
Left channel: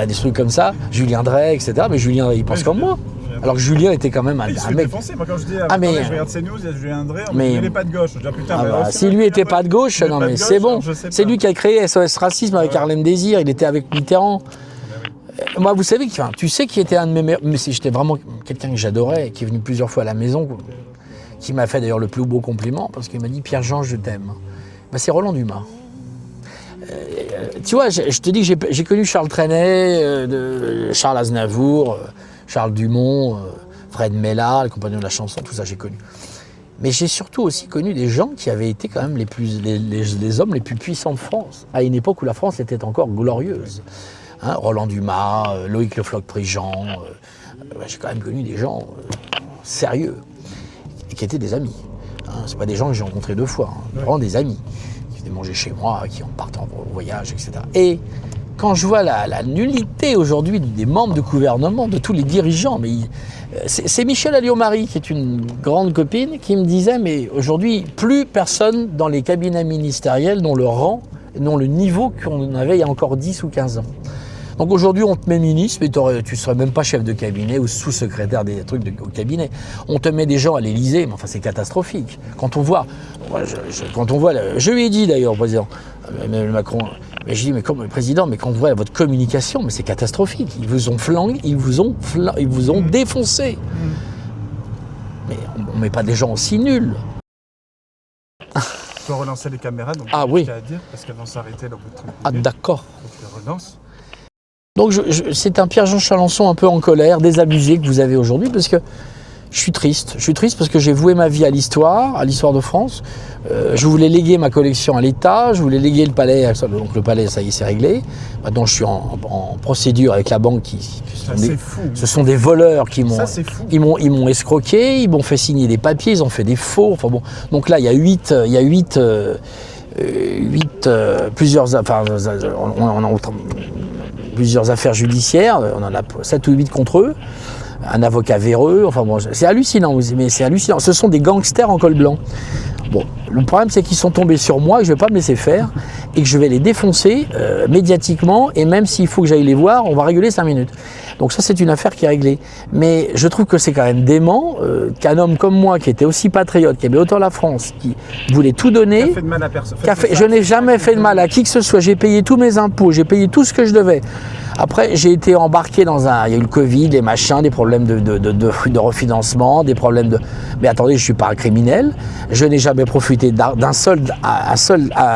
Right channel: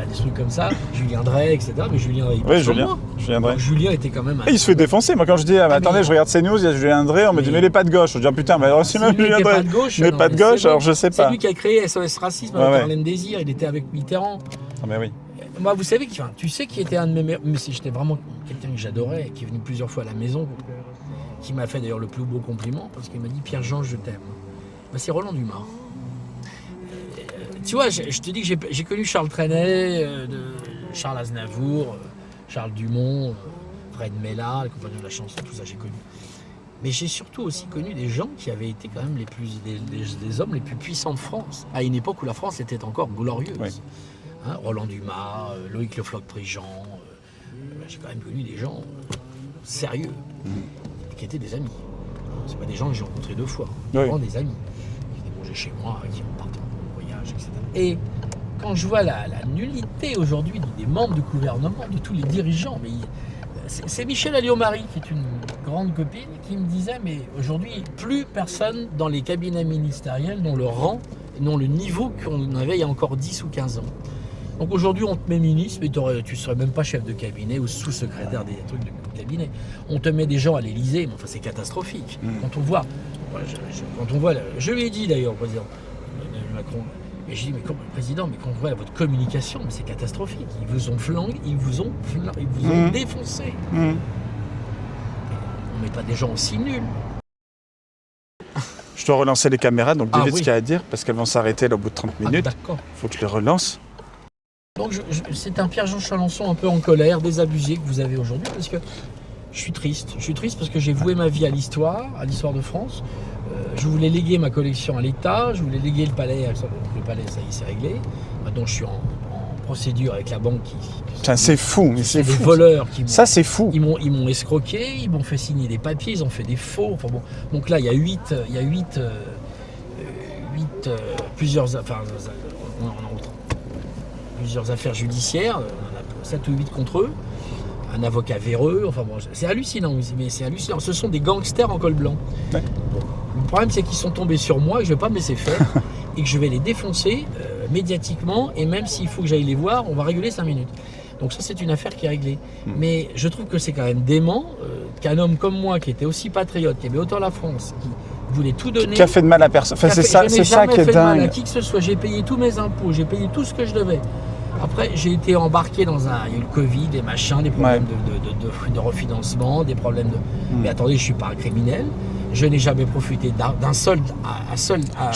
Des trucs comme ça, Julien Drey, etc. Mais Julien, il pense comme moi. Alors que Julien était quand même un. Il se fait défoncer. Moi, quand je dis, attendez, je regarde CNews, il y a Julien Drey, on me dit, mais il n'est pas de gauche. Je dis, putain, mais alors si lui n'était pas de gauche, c'est bon. Je sais pas. C'est lui qui a créé SOS Racisme avec Harlem Désir, il était avec Mitterrand. Moi, vous savez, tu sais qui était un de mes meilleurs. Mais j'étais vraiment quelqu'un que j'adorais, qui est venu plusieurs fois à la maison, qui m'a fait d'ailleurs le plus beau compliment, parce qu'il m'a dit, Pierre-Jean, je t'aime. C'est Roland Dumas. Tu vois, je te dis que j'ai connu Charles Trenet, Charles Aznavour, Charles Dumont, Fred Mellard, le compagnon de la chanson, tout ça j'ai connu. Mais j'ai surtout aussi connu des gens qui avaient été quand même les hommes les plus puissants de France, à une époque où la France était encore glorieuse. Oui. Roland Dumas, Loïc Le Floch-Prigent, j'ai quand même connu des gens sérieux et qui étaient des amis. C'est pas des gens que j'ai rencontrés 2 fois, vraiment des amis. Manger chez moi, qui en partent en voyage, etc. Et quand je vois la nullité aujourd'hui des membres de gouvernement, de tous les dirigeants, mais c'est Michel Alliot-Marie, qui est une grande copine, qui me disait, mais aujourd'hui, plus personne dans les cabinets ministériels n'ont le rang, n'ont le niveau qu'on avait il y a encore 10 ou 15 ans. Donc aujourd'hui, on te met ministre, mais tu ne serais même pas chef de cabinet ou sous-secrétaire des trucs au cabinet. On te met des gens à l'Élysée, mais enfin c'est catastrophique. Quand on voit, je lui ai dit d'ailleurs au président, Macron, mais je dis, mais comme le président, mais quand on voit votre communication, mais c'est catastrophique. Ils vous ont flingué, ils vous ont défoncé. Mais on ne met pas des gens aussi nuls. Je dois relancer les caméras, donc dis ce qu'il y a à dire, parce qu'elles vont s'arrêter là, au bout de 30 minutes. D'accord. Il faut que je les relance. Donc c'est un Pierre-Jean Chalençon un peu en colère, désabusé que vous avez aujourd'hui, parce que je suis triste. Je suis triste parce que j'ai voué ma vie à l'histoire de France. Je voulais léguer ma collection à l'État, je voulais léguer le palais, donc le palais, ça y est, c'est réglé. Maintenant, je suis en procédure avec la banque c'est fou. Ce sont des voleurs qui m'ont... Ça, c'est fou. Ils m'ont escroqué, ils m'ont fait signer des papiers, ils ont fait des faux. Enfin bon, donc là, il y a plusieurs affaires judiciaires, on en a 7 ou 8 contre eux, un avocat véreux, enfin bon, c'est hallucinant, mais c'est hallucinant. Ce sont des gangsters en col blanc. Bon, le problème c'est qu'ils sont tombés sur moi, que je ne vais pas me laisser faire, et que je vais les défoncer médiatiquement, et même s'il faut que j'aille les voir, on va rigoler 5 minutes. Donc ça, c'est une affaire qui est réglée. Mais je trouve que c'est quand même dément qu'un homme comme moi, qui était aussi patriote, qui aimait autant la France, qui voulait tout donner... Qui a fait de mal à personne. Enfin, je n'ai jamais fait de mal à qui que ce soit. J'ai payé tous mes impôts, j'ai payé tout ce que je devais. Après, j'ai été embarqué dans un... Il y a eu le Covid, les machins, des problèmes de refinancement, des problèmes de... Mais attendez, je ne suis pas un criminel. Je n'ai jamais profité d'un seul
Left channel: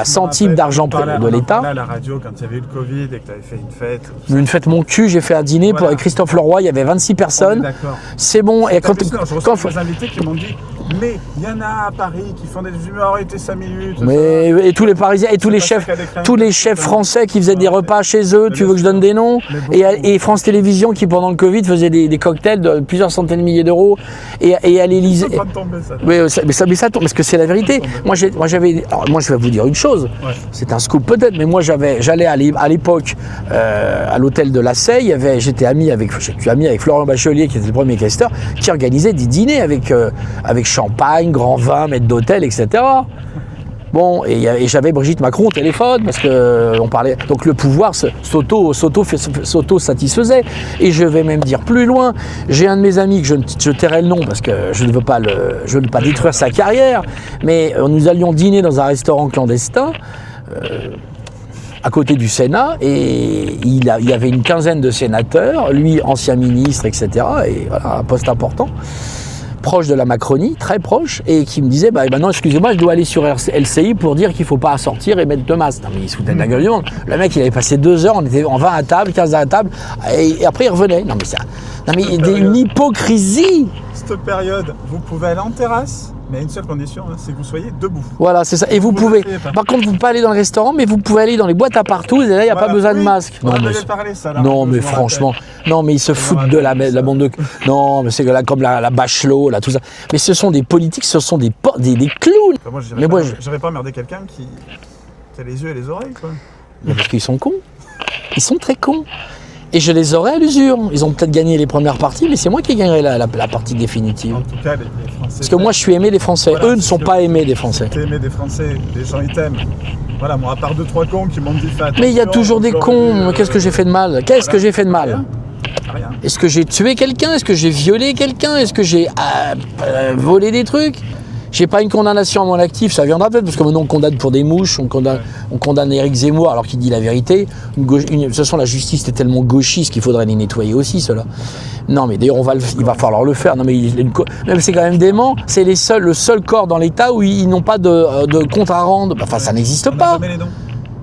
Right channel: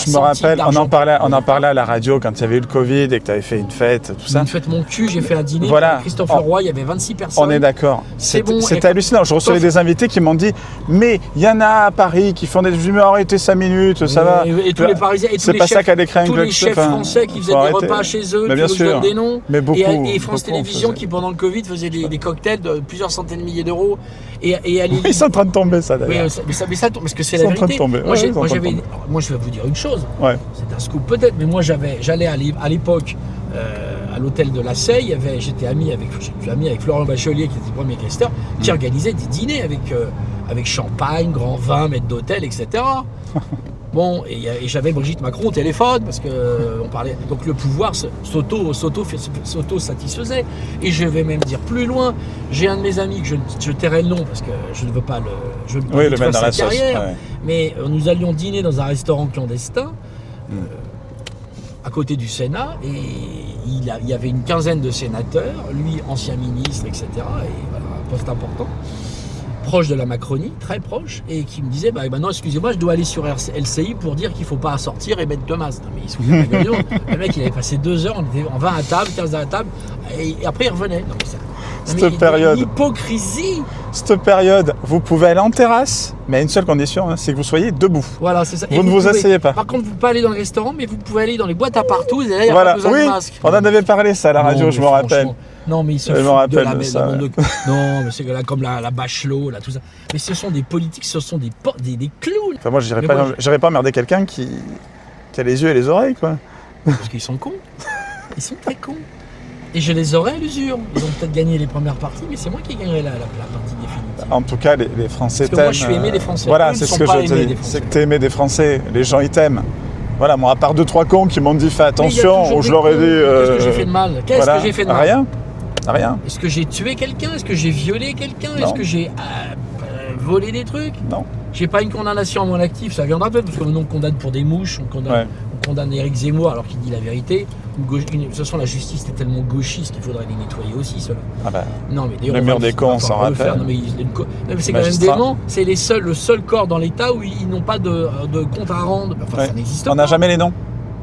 centime d'argent de l'État. On en parlait à la radio quand il y avait eu le Covid et que tu avais fait une fête, tout ça. Une fête mon cul, j'ai fait un dîner pour Christophe Leroy, il y avait 26 personnes. On est d'accord. C'est bon. C'est hallucinant. Je recevais des invités qui m'ont dit « Mais il y en a à Paris qui font des... Je me arrêtez 5 minutes, ça va. » Et tous les Parisiens, et tous les chefs français qui faisaient des repas chez eux, tu veux que je donne des noms? Et France Télévisions qui, pendant le Covid, faisait des cocktails de plusieurs centaines de milliers d'euros. Et à l'Élysée. Ils sont en train de tomber, ça. Oui, mais ça tombe, parce que c'est la vérité. Moi, je vais vous dire une chose. Ouais. C'est un scoop peut-être, mais moi, j'allais à l'époque à l'hôtel de la Seille. Je suis ami avec Florent Bachelier, qui était le premier questeur, qui organisait des dîners avec champagne, grand vin, maître d'hôtel, etc. Bon, et j'avais Brigitte Macron au téléphone parce que on parlait. Donc le pouvoir s'auto-satisfaisait. Et je vais même dire plus loin. J'ai un de mes amis que je tairai le nom parce que je ne veux pas détruire sa carrière. Mais nous allions dîner dans un restaurant clandestin. À côté du Sénat, et il y avait une quinzaine de sénateurs, lui ancien ministre, etc. Et voilà, un poste important. Proche de la Macronie, très proche, et qui me disait non, excusez-moi, je dois aller sur LCI pour dire qu'il ne faut pas sortir et mettre de masque. Non, mais il se foutait de la gueule. Le mec, il avait passé 2 heures, on était en 20 à table, 15 à table, et après il revenait. Non, mais ça. Non, mais il y a une hypocrisie. Cette période, vous pouvez aller en terrasse, mais à une seule condition, c'est que vous soyez debout. Voilà, c'est ça. Et vous pouvez, asseyez pas. Par contre, vous ne pouvez pas aller dans le restaurant, mais vous pouvez aller dans les boîtes à partout, et là, il n'y a pas besoin de masque. On en avait parlé, ça, à la radio, je me rappelle. Non, mais ils se foutent de la bande de... Non, mais c'est comme la Bachelot, là, tout ça. Mais ce sont des politiques, ce sont des clowns. Enfin, moi, je n'irais pas emmerder quelqu'un qui a les yeux et les oreilles, quoi. Parce qu'ils sont cons. Ils sont très cons. Et je les aurais à l'usure. Ils ont peut-être gagné les premières parties, mais c'est moi qui gagnerai la partie définitive. En tout cas, les Français Parce que moi, je suis aimé des Français. Eux ne sont pas aimés des Français. Tu es aimé des Français. Les gens, ils t'aiment. Voilà, moi, à part 2-3 cons qui m'ont dit fais attention. Mais il y a toujours des cons. Qu'est-ce que j'ai fait de mal? Qu'est-ce que j'ai fait de mal? Rien. Est-ce que j'ai tué quelqu'un? Est-ce que j'ai violé quelqu'un? Est-ce que j'ai volé des trucs? Non. J'ai pas une condamnation à mon actif, ça viendra peut-être, parce que maintenant on condamne pour des mouches, on condamne Éric Zemmour alors qu'il dit la vérité. De toute façon, la justice est tellement gauchiste qu'il faudrait les nettoyer aussi, cela. Non, mais d'ailleurs, il va falloir le faire. Non, mais c'est quand même dément. C'est le seul corps dans l'État où ils n'ont pas de compte à rendre. Enfin, ça n'existe pas. On n'a jamais les noms.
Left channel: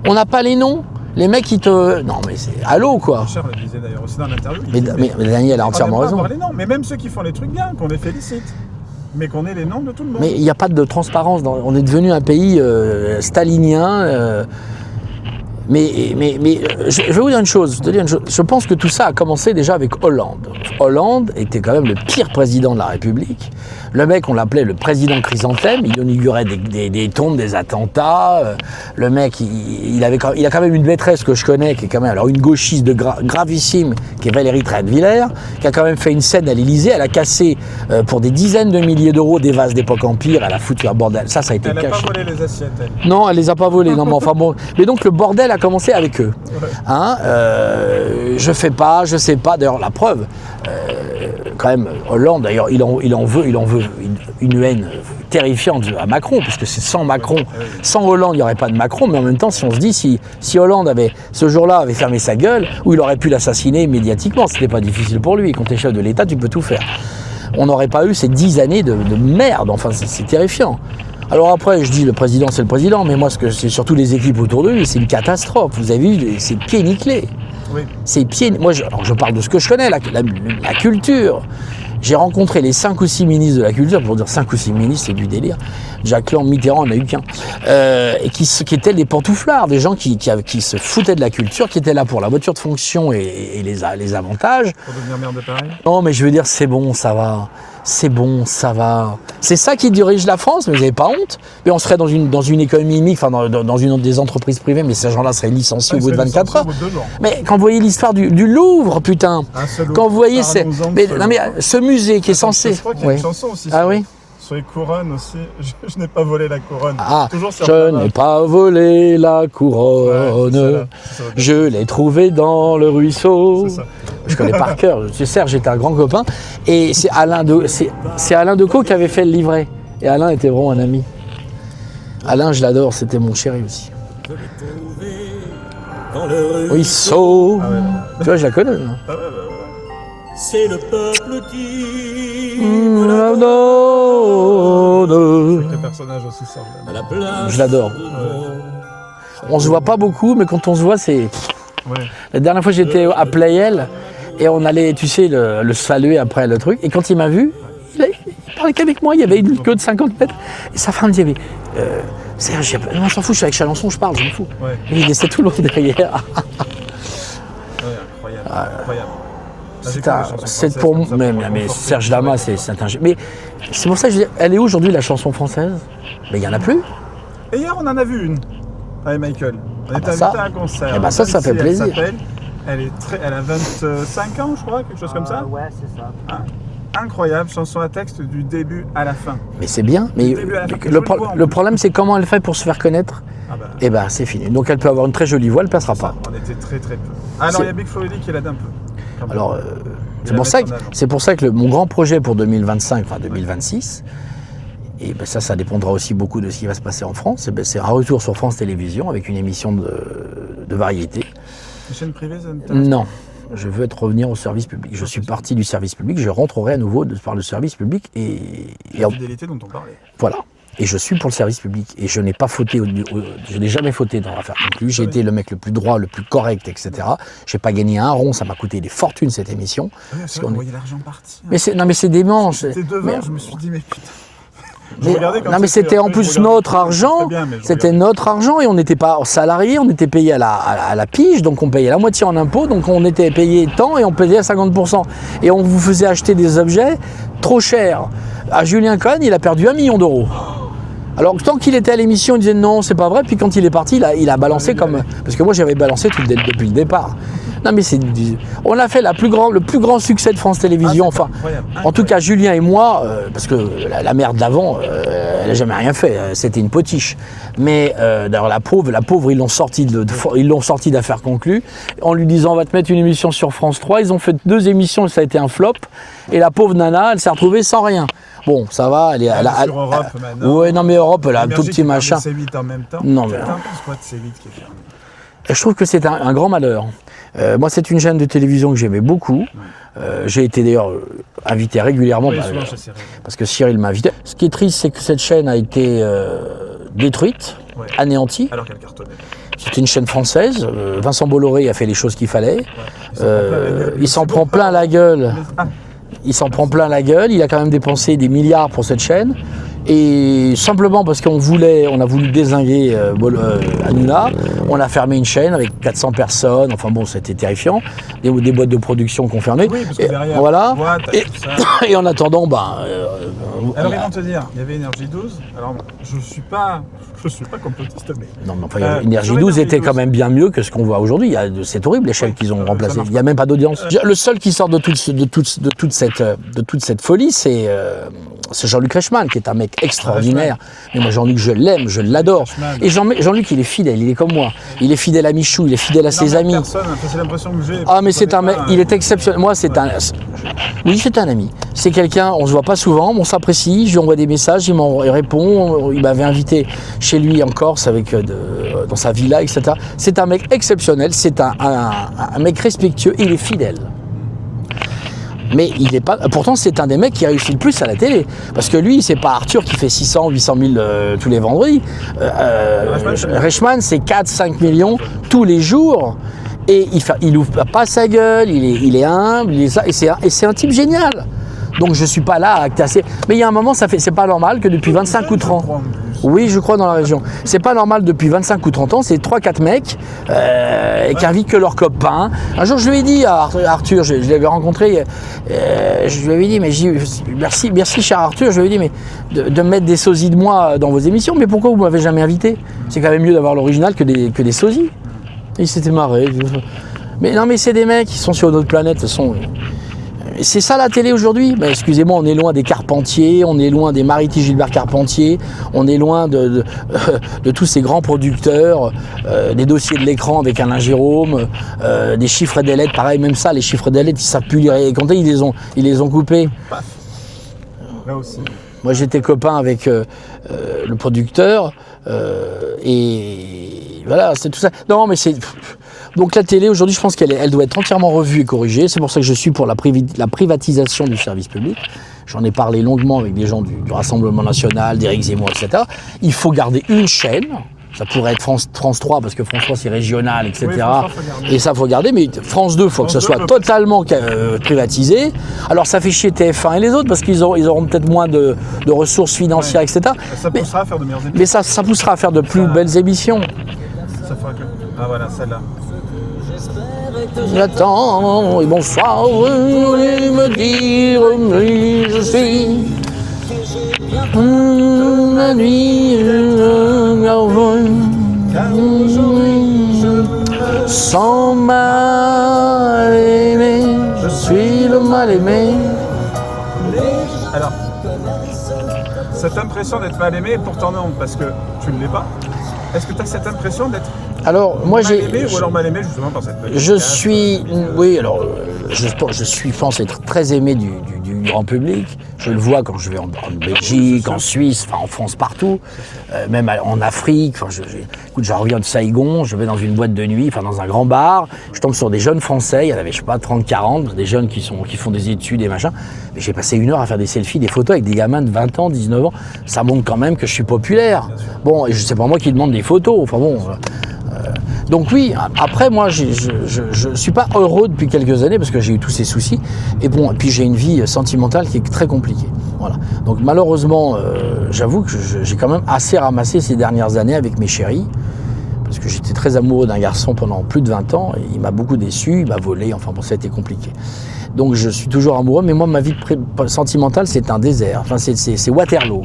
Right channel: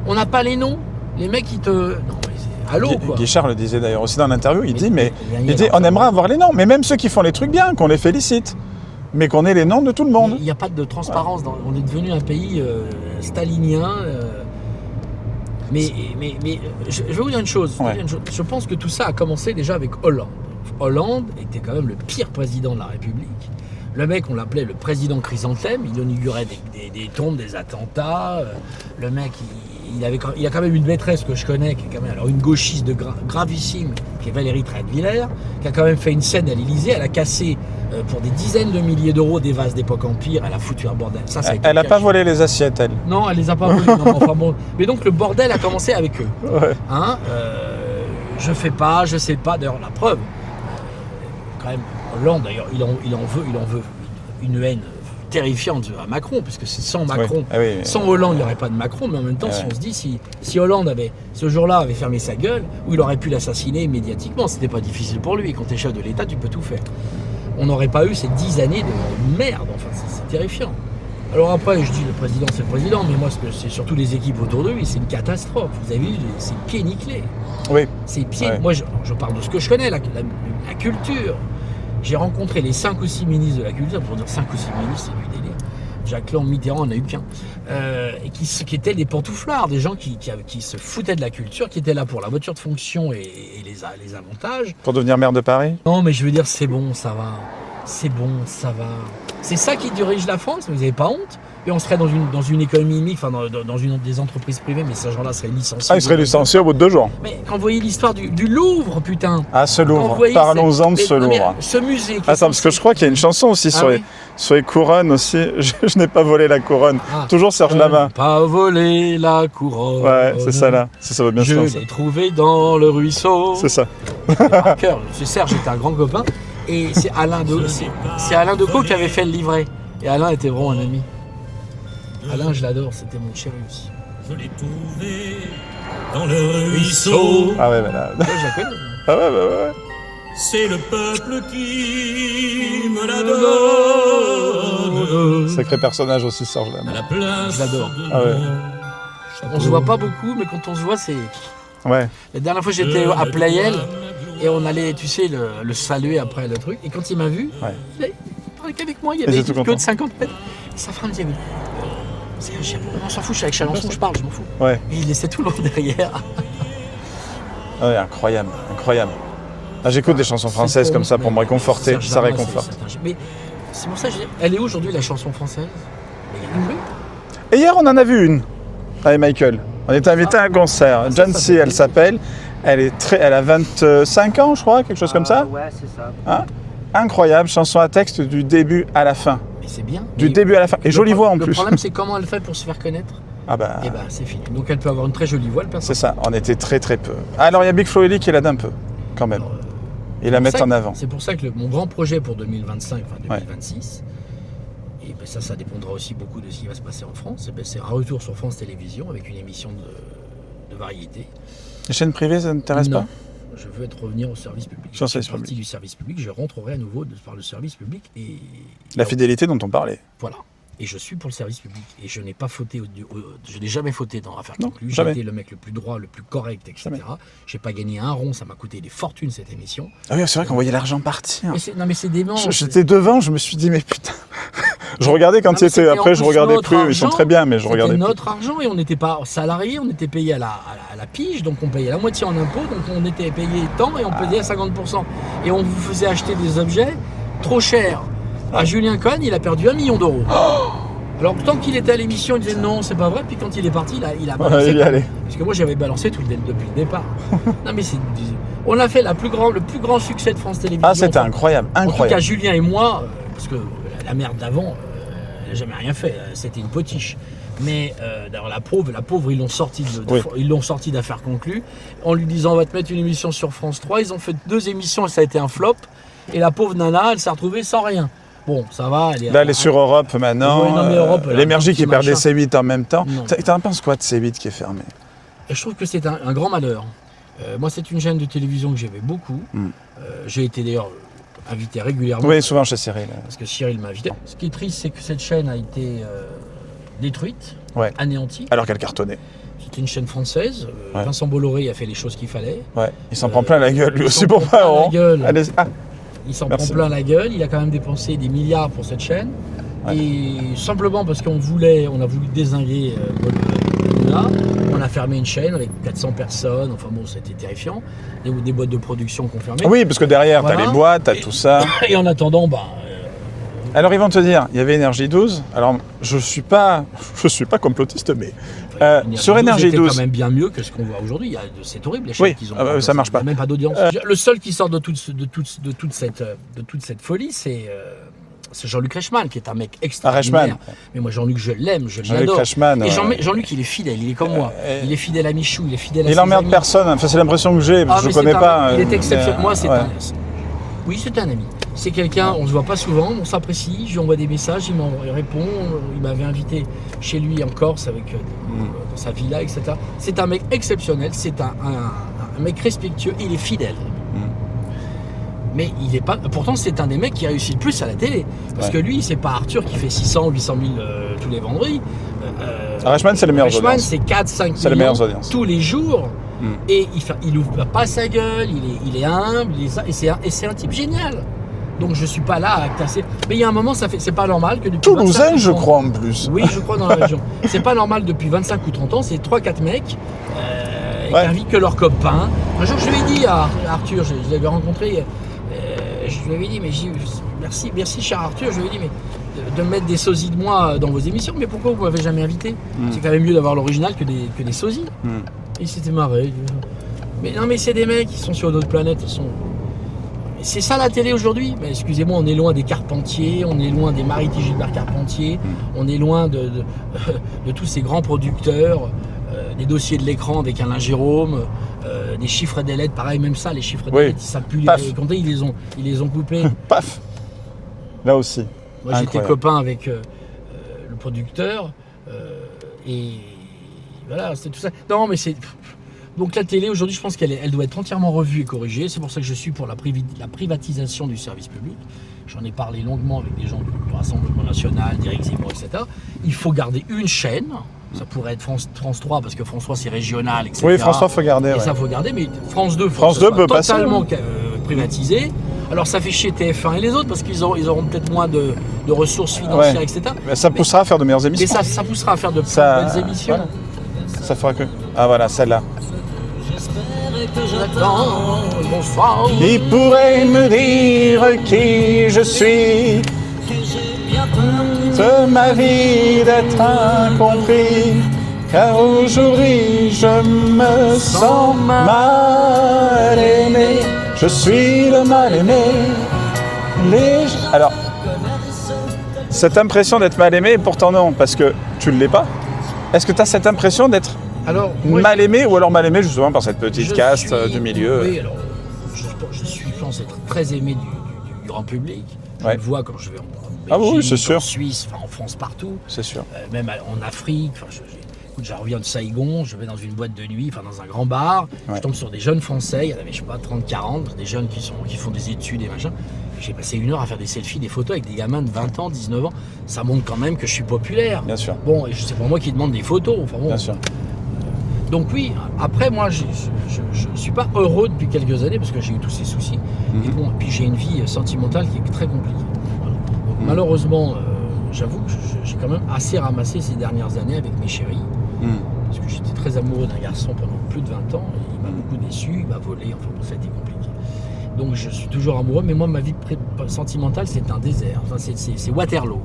On n'a pas les noms. Les mecs, ils te... Non, mais c'est... Allô, quoi. Guichard le disait d'ailleurs aussi dans l'interview. Il dit, Daniel, on aimerait avoir les noms. Mais même ceux qui font les trucs bien, qu'on les félicite. Mais qu'on ait les noms de tout le monde. Mais il n'y a pas de transparence. On est devenu un pays stalinien. Mais je vais vous dire une chose. Je pense que tout ça a commencé déjà avec Hollande. Hollande était quand même le pire président de la République. Le mec, on l'appelait le président chrysanthème. Il inaugurait des tombes, des attentats. Le mec, il a quand même une maîtresse que je connais, qui est quand même une gauchiste gravissime, qui est Valérie Trierweiler, qui a quand même fait une scène à l'Élysée. Elle a cassé pour des dizaines de milliers d'euros des vases d'époque Empire. Elle a foutu un bordel. Ça a été Elle n'a pas volé les assiettes, elle. Non, elle les a pas volées. Non, mais enfin bon. Mais donc le bordel a commencé avec eux. Ouais. Je fais pas, je sais pas. D'ailleurs, la preuve. Quand même, Hollande, d'ailleurs, il en veut une haine terrifiante à Macron, parce que c'est sans Macron, sans Hollande, il n'y aurait pas de Macron, mais en même temps, si on se dit, si Hollande ce jour-là avait fermé sa gueule, ou il aurait pu l'assassiner médiatiquement, c'était pas difficile pour lui. Quand tu es chef de l'État, tu peux tout faire. On n'aurait pas eu ces 10 années de merde, enfin, c'est terrifiant. Alors après, je dis le président, c'est le président, mais moi, c'est surtout les équipes autour de lui, c'est une catastrophe. Vous avez vu, c'est pieds nickelés. Oui. C'est pieds. Moi, je parle de ce que je connais, la culture. J'ai rencontré les 5 ou 6 ministres de la culture. Pour dire 5 ou 6 ministres, c'est du délire. Jacques Lang, Mitterrand, n'en a eu qu'un. Et qui étaient des pantouflards, des gens qui se foutaient de la culture, qui étaient là pour la voiture de fonction et les avantages. Pour devenir maire de Paris? Non, mais je veux dire, c'est bon, ça va. C'est bon, ça va. C'est ça qui dirige la France, mais vous n'avez pas honte. Mais on serait dans une économie mixte, enfin dans une des entreprises privées, mais ces gens-là seraient licenciés au bout de 24 heures. Au bout de 2 jours. Mais quand vous voyez l'histoire du Louvre, putain. Ah, ce Louvre. Quand vous voyez Parlons-en de ce Louvre. ce musée qui est censé... Parce que je crois qu'il y a une chanson aussi sur Sur les couronnes aussi, je n'ai pas volé la couronne. Toujours Serge Je Lama. n'ai pas volé la couronne. Ouais, c'est ça là. Ça va bien Je se faire, l'ai trouvée dans le ruisseau. C'est ça. Je connais par cœur. Serge était un grand copain. Et c'est Alain Decaux qui avait fait le livret. Et Alain était vraiment un ami. Alain, je l'adore, c'était mon chéri aussi. Dans le Ruisseau. Ah ouais, voilà. Tu vois, je la connais. hein. Ah ouais. c'est le peuple qui La donne. Sacré personnage aussi, Serge Lama. à la place. Je l'adore. Ah ouais. On se voit pas beaucoup, mais quand on se voit, c'est. Ouais. La dernière fois, j'étais à Playel et on allait, tu sais, le saluer après le truc. Et quand il m'a vu, il parlait qu'avec moi. Il y avait Il était une tout queue de content. 50 mètres. Et sa femme disait, Serge, on s'en fout, je suis avec Chalençon, je parle, je m'en fous. Ouais. Et il laissait tout le monde derrière. Ouais, incroyable. Incroyable. Ah, j'écoute des chansons C'est françaises comme ça pour me réconforter. Serge ça Lama, réconforte. c'est un. Mais c'est pour ça que je dis, elle est où aujourd'hui la chanson française? Mais il n'y en a plus. Et hier, on en a vu une avec Michael. On était invité à un concert. Eh ben ça, ça Dancy, fait elle plaisir. s'appelle. Elle a 25 ans, je crois, quelque chose comme ça. Ouais, c'est ça. Hein, incroyable, chanson à texte du début à la fin. Mais c'est bien. Du mais début à la fin. Et le jolie voix en Le plus. problème, c'est comment elle fait pour se faire connaître. Ah bah, Et ben, c'est fini. Donc elle peut avoir une très jolie voix, elle perd c'est sa ça, on était très très peu. Alors il y a Big Flo et Oli qui l'aide un peu, quand même. Alors, Et c'est la pour mettre ça en que- avant. C'est pour ça que mon grand projet pour 2025, enfin 2026, et ben ça dépendra aussi beaucoup de ce qui va se passer en France, et ben c'est un retour sur France Télévisions avec une émission de variété. Les chaînes privées, ça ne t'intéresse Non, pas? je veux revenir au service public. Je Ça, suis c'est sûr. parti du service public, je rentrerai à nouveau par le service public et La fidélité dont on parlait. voilà. Et je suis pour le service public. Et je n'ai pas fauté, je n'ai jamais fauté dans l'affaire non plus. J'ai Jamais. été le mec le plus droit, le plus correct, etc. Je n'ai pas gagné un rond, ça m'a coûté des fortunes cette émission. Ah oui, c'est vrai qu'on voyait l'argent partir. Mais c'est dément. J'étais devant, je me suis dit, mais putain. Je regardais quand non, mais c'était. c'était en Après, je plus regardais notre plus, ils sont argent. très bien, mais je C'était regardais plus. notre argent et on n'était pas salarié, on était payé à la pige, donc on payait la moitié en impôts, donc on était payé tant et on payait à 50%. Et on vous faisait acheter des objets trop chers. À Julien Cohen, il a perdu 1 million d'euros. Alors tant qu'il était à l'émission, il disait non, c'est pas vrai. Puis quand il est parti, il a balancé il y comme. allait. Parce que moi j'avais balancé depuis le départ. Non mais on a fait le plus grand succès de France Ah, Télévisions. c'était incroyable. En tout cas, Julien et moi, parce que la mère de l'avant, elle n'a jamais rien fait. C'était une potiche. Mais d'ailleurs, la pauvre, ils l'ont sorti d'affaires conclues en lui disant on va te mettre une émission sur France 3. Ils ont fait 2 émissions, ça a été un flop. Et la pauvre nana, elle s'est retrouvée sans rien. Bon, ça va. Là, elle est sur Europe maintenant. Ouais, non, mais Europe, elle a un tout L'énergie petit qui perdait machin. C8 en même temps. Non, mais- T'en penses quoi de C8 qui est fermé? Et je trouve que c'est un grand malheur. Moi, c'est une chaîne de télévision que j'aimais beaucoup. J'ai été d'ailleurs invité régulièrement. Oui, souvent chez Cyril. Parce que Cyril m'a invité. Ce qui est triste, c'est que cette chaîne a été détruite, Ouais. anéantie. Alors qu'elle cartonnait. C'était une chaîne française. Vincent Bolloré a fait les choses qu'il fallait. Ouais. Il s'en prend plein la gueule. Il Le s'en Super prend plein la Parent. gueule. Elle est- Ah, Il s'en Merci. prend plein la gueule. Il a quand même dépensé des milliards pour cette chaîne. Et simplement parce on a voulu dézinguer Hanouna, on a fermé une chaîne avec 400 personnes. Enfin bon, c'était terrifiant. Des boîtes de production qu'on fermait. oui, parce que Et derrière, voilà. t'as les boîtes, t'as Et- tout ça. Et en attendant, Alors ils vont te dire, il y avait Énergie 12. Alors je suis pas complotiste, mais non, mais enfin, Énergie sur 12 Énergie était 12. quand même bien mieux que ce qu'on voit aujourd'hui. C'est horrible les chaînes Oui, qu'ils ont ça remplacées. marche Il n'y a pas. même pas d'audience. Le seul qui sort de toute cette folie, c'est Jean-Luc Reichmann, qui est un mec extraordinaire. Mais moi, Jean-Luc, je l'aime, je Jean-Luc l'adore. Reichmann, Et Jean-Luc, il est fidèle, il est comme moi. Il est fidèle à Michou, il est fidèle à Il ses emmerde amis. personne. Enfin, c'est l'impression que j'ai. Ah, je mais c'est connais un mec, pas, il est exceptionnel. mais, Moi, c'est ouais. Oui, c'est un ami. C'est quelqu'un, on se voit pas souvent, mais on s'apprécie, je lui envoie des messages, il répond. Il m'avait invité chez lui en Corse, dans sa villa, etc. C'est un mec exceptionnel, c'est un mec respectueux, il est fidèle. Mais il est pas. Pourtant, c'est un des mecs qui réussit le plus à la télé. Parce que lui, c'est pas Arthur qui fait 600, 800 000 tous les vendredis. Reichmann, c'est le meilleur Reichmann, audience. c'est 4, 5 C'est le millions meilleur audience. tous les jours. Et il ouvre pas sa gueule, il est humble, et c'est un type génial. Donc je suis pas là à casser. Mais il y a un moment, c'est pas normal que depuis 25 ou 30 je crois en plus. Oui, je crois dans la région. C'est pas normal depuis 25 ou 30 ans, c'est 3-4 mecs qui invitent que leurs copains. Un jour, je lui ai dit à Arthur, je l'avais rencontré, je lui avais dit, mais merci cher Arthur, je lui ai dit, mais de mettre des sosies de moi dans vos émissions, mais pourquoi vous m'avez jamais invité? C'est quand même mieux d'avoir l'original que des sosies. Et il s'était marré. Mais non, mais c'est des mecs qui sont sur d'autres planètes, c'est ça la télé aujourd'hui. Mais excusez-moi, on est loin des Carpentier, on est loin des Mariti Gilbert Carpentier, on est loin de tous ces grands producteurs, des dossiers de l'écran avec Alain Jérôme, des chiffres des lettres, pareil, même ça, les chiffres des lettres, ils savent plus les compter, ils les ont coupés. Paf. Là aussi. Moi, j'étais Incroyable. copain avec le producteur et voilà, c'est tout ça. Non, mais c'est... Donc la télé, aujourd'hui, je pense qu'elle doit être entièrement revue et corrigée. C'est pour ça que je suis pour la privatisation du service public. J'en ai parlé longuement avec des gens du Rassemblement National, d'Éric Zemmour, etc. Il faut garder une chaîne. Ça pourrait être France 3, parce que France 3, c'est régional, etc. Oui, France 3, faut garder, Et ouais. ça, faut garder. Mais France 2, il faut France que ce 2 soit peut passer, totalement privatisé. Alors, ça fait chier TF1 et les autres, parce qu'ils auront peut-être moins de ressources financières, Ouais. etc. Ça poussera à faire de meilleures Mais émissions. ça poussera à faire de plus Ça- belles émissions. Ça fera que... Ah voilà, celle-là. J'attends et bonsoir. Il pourrait me dire qui je suis, de ma vie d'être incompris, car aujourd'hui je me sens mal aimé, je suis le mal aimé. Alors, cette impression d'être mal aimé, pourtant non, parce que tu ne l'es pas. Est-ce que tu as cette impression d'être Alors, moi, mal aimé ou alors mal aimé justement par cette petite caste du milieu? Oui, alors, je pense être très aimé du grand public. Je Ouais. le vois quand je vais en Ah oui, Belgique, c'est sûr. en Suisse, enfin en France, partout. C'est sûr. Même en Afrique. Enfin, écoute, je reviens de Saigon, je vais dans une boîte de nuit, enfin dans un grand bar. Je tombe sur des jeunes Français, il y en avait, je sais pas, 30, 40, des jeunes qui font des études et machin. Et j'ai passé 1 heure à faire des selfies, des photos avec des gamins de 20 ans, 19 ans. Ça montre quand même que je suis populaire. Bien sûr. Bon, et c'est pas moi qui demande des photos. Enfin bon. Bien sûr. Donc oui, après moi je suis pas heureux depuis quelques années parce que j'ai eu tous ces soucis. Et bon, et puis j'ai une vie sentimentale qui est très compliquée. Voilà. Donc malheureusement, j'avoue que j'ai quand même assez ramassé ces dernières années avec mes chéris. Parce que j'étais très amoureux d'un garçon pendant plus de 20 ans. Et il m'a beaucoup déçu, il m'a volé, enfin bon, ça a été compliqué. Donc je suis toujours amoureux, mais moi ma vie sentimentale c'est un désert. Enfin c'est Waterloo.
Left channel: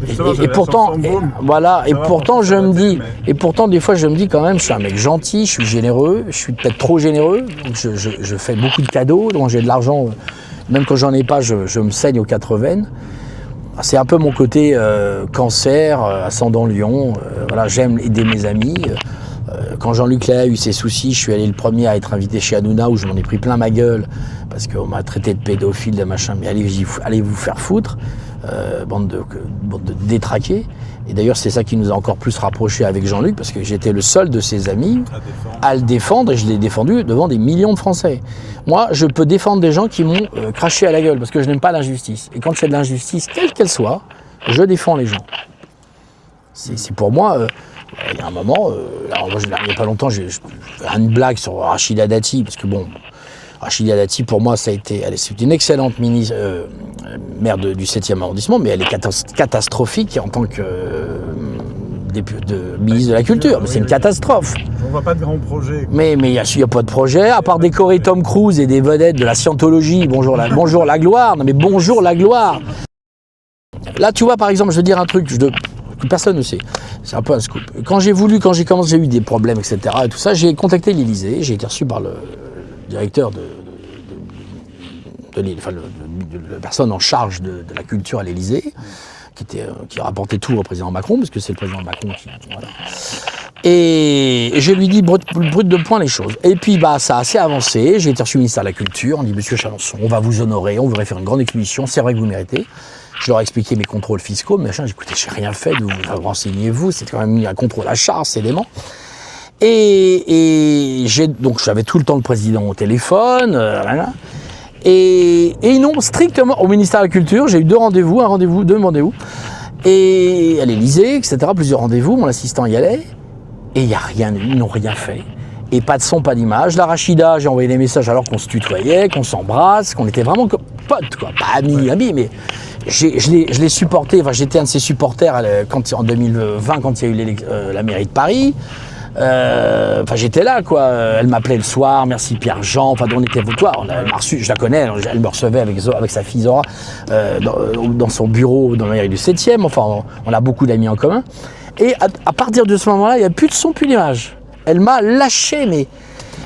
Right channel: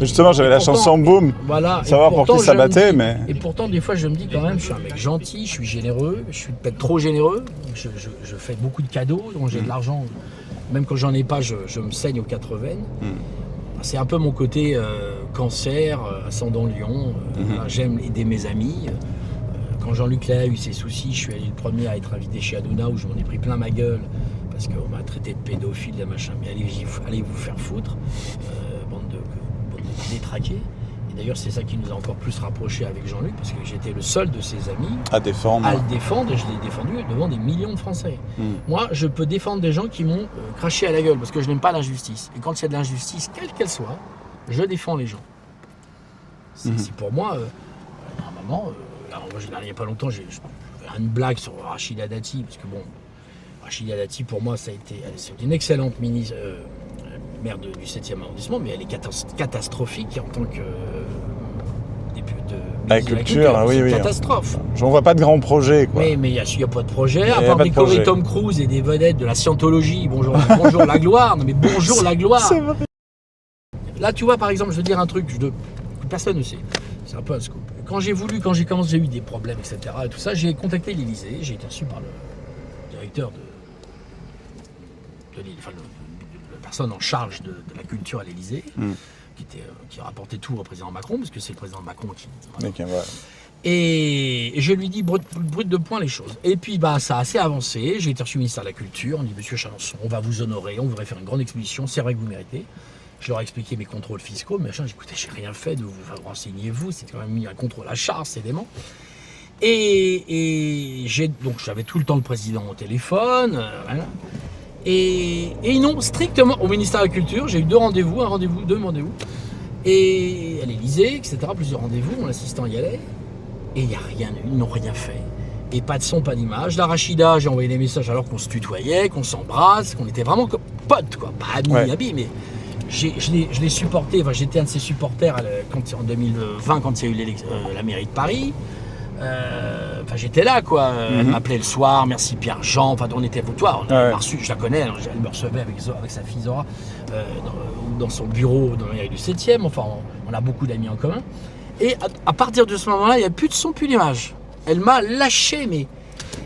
Justement, j'avais la chanson Boom. Voilà, et Savoir pour pourtant qui ça je me battait, dis, mais- et pourtant des fois je me dis quand même, je suis un mec gentil, je suis généreux, je suis peut-être trop généreux, donc je fais beaucoup de cadeaux, donc j'ai de l'argent, même quand j'en ai pas, je me saigne aux 4 veines. C'est un peu mon côté cancer, ascendant lion, voilà, j'aime aider mes amis. Quand Jean-Luc Léa a eu ses soucis, je suis allé le premier à être invité chez Hanouna où je m'en ai pris plein ma gueule parce qu'on m'a traité de pédophile, de machin, mais allez vous faire foutre, bande de détraqués. Et d'ailleurs, c'est ça qui nous a encore plus rapprochés avec Jean-Luc parce que j'étais le seul de ses amis À défendre. à le défendre et je l'ai défendu devant des millions de Français. Moi, je peux défendre des gens qui m'ont craché à la gueule parce que je n'aime pas l'injustice. Et quand il y a de l'injustice, quelle qu'elle soit, je défends les gens. C'est pour moi, il y a un moment, alors moi, il n'y a pas longtemps, j'ai une blague sur Rachida Dati, parce que bon, Rachida Dati, pour moi, c'est une excellente maire du 7e arrondissement, mais elle est catastrophique en tant que ministre de la Culture. oui, C'est une oui. catastrophe. On voit pas de grands projets. Quoi. Mais il n'y a pas de projet, à y a part pas de décorer projet. Tom Cruise et des vedettes de la scientologie. Bonjour la gloire. Non mais bonjour la gloire. Là, tu vois, par exemple, je veux dire un truc que personne ne sait. C'est un peu un scoop. Quand j'ai commencé, j'ai eu des problèmes, etc. Et tout ça, j'ai contacté l'Élysée. J'ai été reçu par le directeur de l'île, enfin, la personne en charge de la culture à l'Élysée, qui rapportait tout au président Macron, parce que c'est le président Macron qui... Voilà. Et je lui dis brut de point les choses. Et puis ça a assez avancé. J'ai été reçu au ministère de la Culture. On dit Monsieur Chalençon, on va vous honorer, on voudrait faire une grande exposition. C'est vrai que vous méritez. Je leur ai expliqué mes contrôles fiscaux, machin. J'ai dit, écoutez, j'ai rien fait. Vous renseignez-vous. C'est quand même un contrôle à charge, c'est dément. Et donc j'avais tout le temps le président au téléphone. Voilà. Et non, strictement au ministère de la Culture, j'ai eu deux rendez-vous. Et à l'Élysée, etc. Plusieurs rendez-vous. Mon assistant y allait. Et il n'y a rien, ils n'ont rien fait. Et pas de son, pas d'image. La Rachida, j'ai envoyé des messages alors qu'on se tutoyait, qu'on s'embrasse, qu'on était vraiment comme potes, quoi. Pas amis, mais je l'ai supporté. Enfin, j'étais un de ses supporters en 2020, quand il y a eu la mairie de Paris. Enfin, j'étais là, quoi. Elle m'appelait le soir, merci Pierre-Jean. Enfin, on était toi, je la connais, elle me recevait avec sa fille Zora dans son bureau dans la mairie du 7e. Enfin, on a beaucoup d'amis en commun. Et à partir de ce moment-là, il n'y a plus de son, plus d'image. Elle m'a lâché, mais...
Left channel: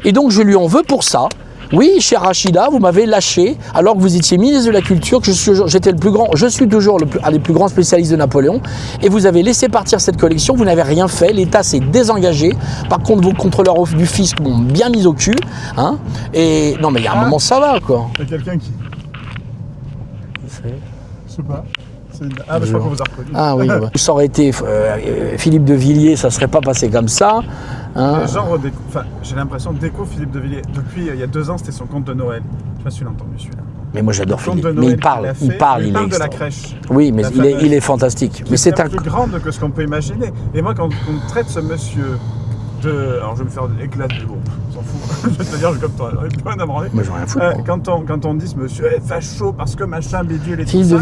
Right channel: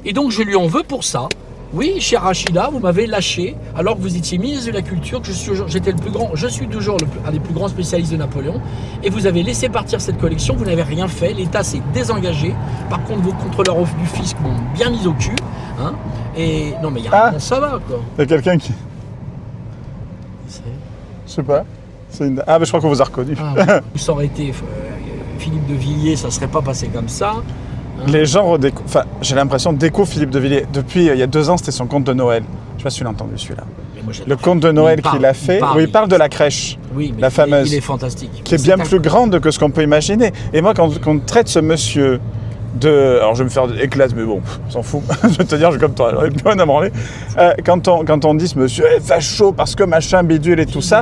Et donc, je lui en veux pour ça. Oui, chez Rachida, vous m'avez lâché alors que vous étiez ministre de la Culture, que j'étais le plus grand, je suis toujours un des plus grands spécialistes de Napoléon, et vous avez laissé partir cette collection, vous n'avez rien fait, l'État s'est désengagé. Par contre, vos contrôleurs du fisc m'ont bien mis au cul. Hein, et non, mais il y a un moment, ça va, quoi. Il y a quelqu'un qui... Je sais pas. Ah, mais je crois qu'on vous a reconnu. Ah oui, bah. Ça aurait été Philippe de Villiers, ça ne serait pas passé comme ça. Hein. Les gens j'ai l'impression découvrent Philippe de Villiers. Depuis il y a 2 ans, c'était son conte de Noël. Je sais pas si tu l'as entendu celui-là. Mais moi Le j'adore. conte de Noël qu'il a fait, où il parle de la crèche. Oui, mais la fameuse, il est fantastique. Qui est bien plus grande que ce qu'on peut imaginer. Et moi, quand on traite ce monsieur alors je vais me faire éclate, mais bon, on s'en fout. Je vais te dire, comme toi, j'aurais plus rien à branler. Quand on dit ce monsieur est facho parce que machin, bidule et tout ça,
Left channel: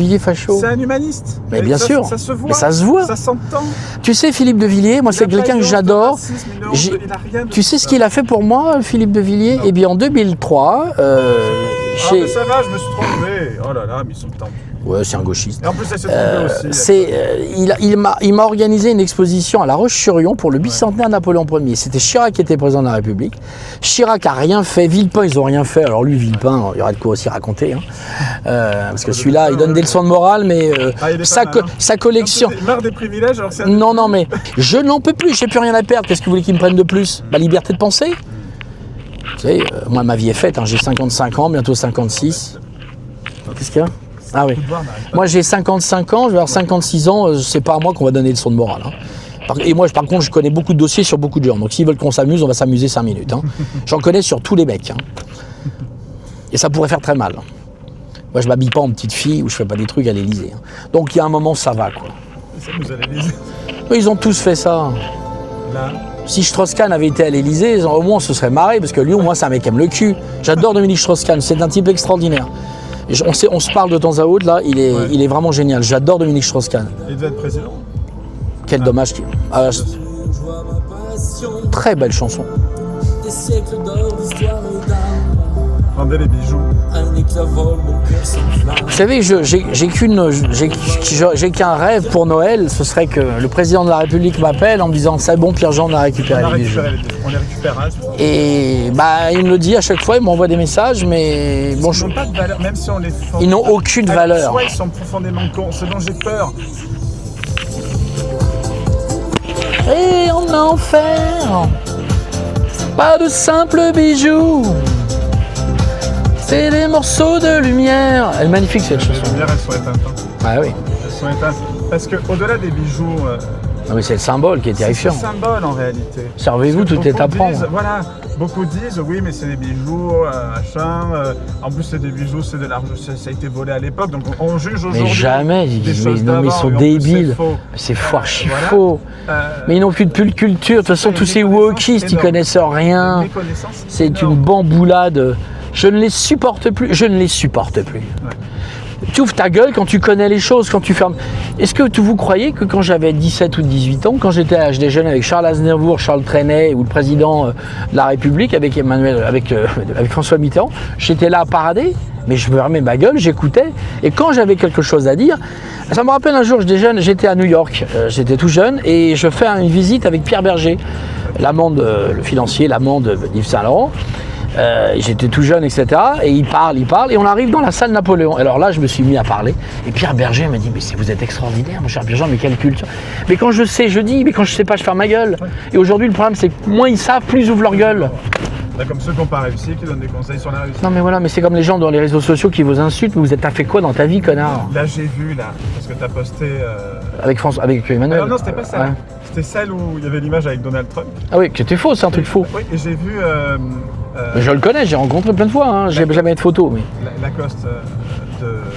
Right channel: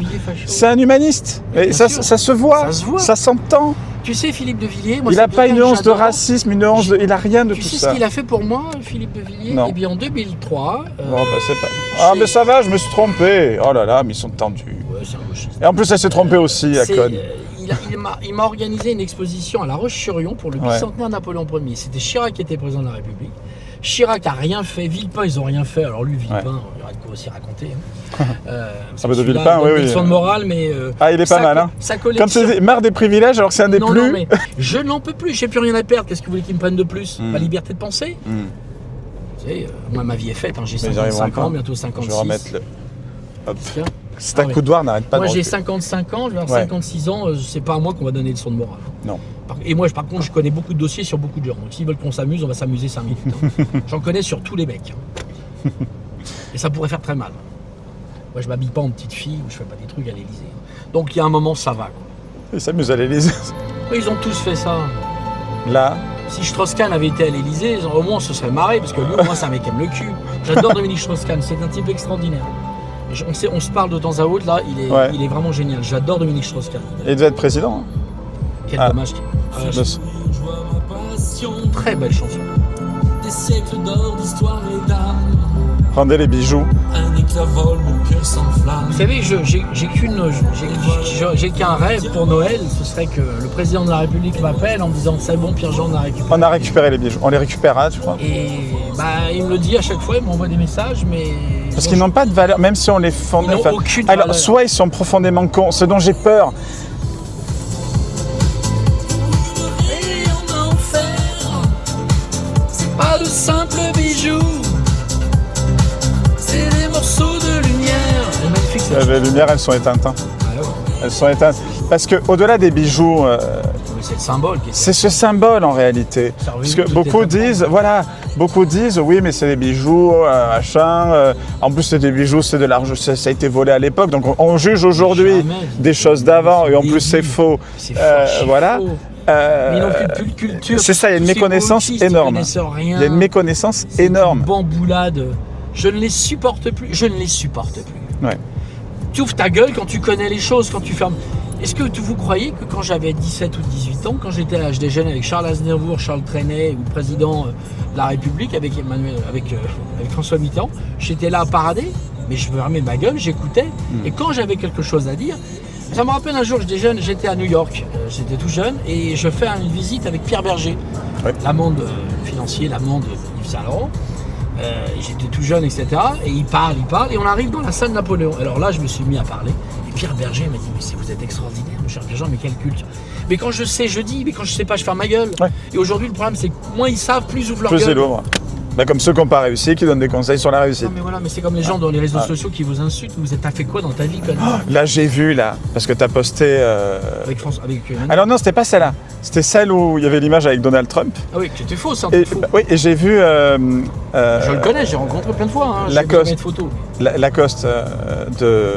c'est un humaniste. Mais et bien ça, sûr. ça se voit. Ça se voit. Ça s'entend. Tu sais, Philippe de Villiers, moi il c'est quelqu'un que j'adore. Il n'a pas une once de racisme, une once il n'a rien de Tu tout sais ça. ce qu'il a fait pour moi, Philippe de Villiers? Eh bien, en 2003... Ah, mais ça va, je me suis trompé. Oh là là, mais ils sont tendus. Ouais, c'est un gauchiste. Et en plus, elle s'est trompée aussi. Il m'a organisé une exposition à La Roche-sur-Yon pour le bicentenaire Napoléon Ier. C'était Chirac qui était président de la République. Chirac a rien fait. Villepin, ils n'ont rien fait. Alors lui, Villepin, il y aurait de quoi aussi raconter. Hein. Parce que celui-là, il donne des leçons de morale, mais il est pas mal, sa collection... Comme tu dis, marre des privilèges, alors que c'est un des plus... Non, mais je n'en peux plus. J'ai plus rien à perdre. Qu'est-ce que vous voulez qu'ils me prennent de plus? La liberté de penser. Vous savez, moi, ma vie est faite. Hein. J'ai 55 ans, bientôt 56. Qu'est-ce qu'il y a? C'est un coup de doigt, n'arrête pas. Moi, j'ai 55 ans, je vais avoir 56 ans. C'est pas à moi qu'on va donner des leçons de morale. Hein. Non. Et moi, par contre, je connais beaucoup de dossiers sur beaucoup de gens. Donc, s'ils veulent qu'on s'amuse, on va s'amuser 5 minutes. Hein. J'en connais sur tous les mecs. Hein. Et ça pourrait faire très mal. Moi, je m'habille pas en petite fille ou je fais pas des trucs à l'Élysée. Hein. Donc, il y a un moment, ça va, quoi. Ils s'amusent à l'Élysée. Ils ont tous fait ça. Là. Si Strauss-Kahn avait été à l'Élysée, au moins, on se serait marré, parce que lui, au moins, c'est un mec qui aime le cul. J'adore Dominique Strauss-Kahn, c'est un type extraordinaire. On se parle de temps à autre, là, il est vraiment génial. J'adore Dominique Strauss-Kahn. Il devait être président. Quel dommage. Très belle chanson. Des siècles d'or, d'histoire et d'âme. Rendez les bijoux. Un éclat vole, mon cœur s'enflamme. Vous savez, j'ai qu'un rêve pour Noël, ce serait que le président de la République m'appelle en me disant c'est bon, Pierre-Jean, on a récupéré les bijoux. On les récupérera, tu crois? Et il me le dit à chaque fois, il m'envoie des messages, mais... Parce qu'ils n'ont pas de valeur, même si on les fond. Ils n'ont aucune valeur. Soit ils sont profondément cons, ce dont j'ai peur. Et en enfer, c'est pas de simples bijoux, c'est des morceaux de lumière. Elle est magnifique cette chanson. Les lumières, elles sont éteintes. Hein. Ah oui. Elles sont éteintes. Parce qu'au-delà des bijoux, mais c'est le symbole qui est c'est ce symbole en réalité. Servez-vous, parce que beaucoup disent, oui, mais c'est des bijoux, machin. En plus, c'est des bijoux, c'est de l'argent, ça a été volé à l'époque. Donc on juge aujourd'hui des choses d'avant. Et en plus, c'est faux. C'est faux. Mais ils n'ont qu'une culture. Ce sont tous ces wokistes, ils connaissent rien. Il y a une méconnaissance énorme. C'est une bamboulade. Je ne les supporte plus. Ouais. Tu ouvres ta gueule quand tu connais les choses, quand tu fermes. Est-ce que vous croyez que quand j'avais 17 ou 18 ans, quand j'étais à l'âge des jeunes avec Charles Aznavour, Charles Trenet ou le président de la République avec François Mitterrand, j'étais là à parader, mais je fermais ma gueule, j'écoutais. Et quand j'avais quelque chose à dire, ça me rappelle un jour, j'étais à New York, j'étais tout jeune et je fais une visite avec Pierre Berger, l'amant, le financier, l'amant de Yves Saint-Laurent. J'étais tout jeune, etc. Et il parle, et on arrive dans la salle Napoléon. Alors là, je me suis mis à parler. Et Pierre Berger m'a dit, mais vous êtes extraordinaire, mon cher Pierre-Jean, mais quelle culture. Mais quand je sais, je dis, mais quand je sais pas, je ferme ma gueule. Ouais. Et aujourd'hui, le problème, c'est que moins ils savent, plus ils ouvrent leur gueule. Comme ceux qui n'ont pas réussi, qui donnent des conseils sur la réussite. Non mais voilà, mais c'est comme les gens dans les réseaux sociaux qui vous insultent, mais vous t'as fait quoi dans ta vie, connard? Là j'ai vu, parce que t'as posté... Avec Emmanuel. Alors non, c'était pas celle-là. C'était celle où il y avait l'image avec Donald Trump. Ah oui, c'était faux, c'est un truc faux. Oui, et j'ai vu... je le connais, j'ai rencontré plein de fois, hein. J'ai jamais de photos. Mais... Lacoste de...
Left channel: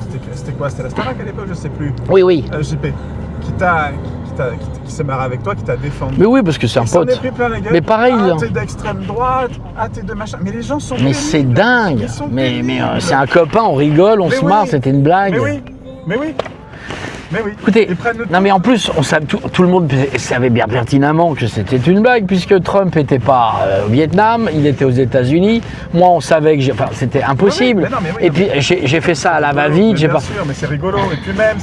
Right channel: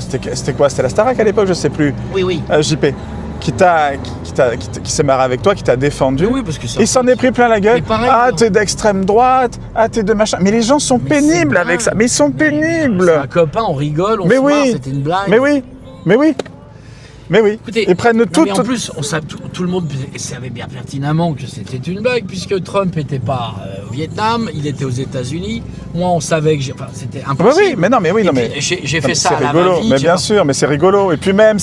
C'était quoi? C'était la Starac à l'époque, je sais plus. Oui. JP. Qui s'est marré avec toi, qui t'a défendu. Oui, parce que c'est un pote. Il s'en est pris plein la gueule. Mais pareil, t'es d'extrême droite, t'es de machin. Mais les gens sont pénibles avec ça. Mais ils sont pénibles. C'est un copain, on rigole, on se marre, c'était une blague. Mais oui. Écoutez, ils prennent tout. Mais en plus, tout le monde savait bien pertinemment que c'était une blague, puisque Trump n'était pas au Vietnam, il était aux États-Unis. Moi, on savait que c'était impossible. Mais oui. Puis j'ai fait ça à la va-vite. Bien sûr, mais c'est rigolo. Et puis même,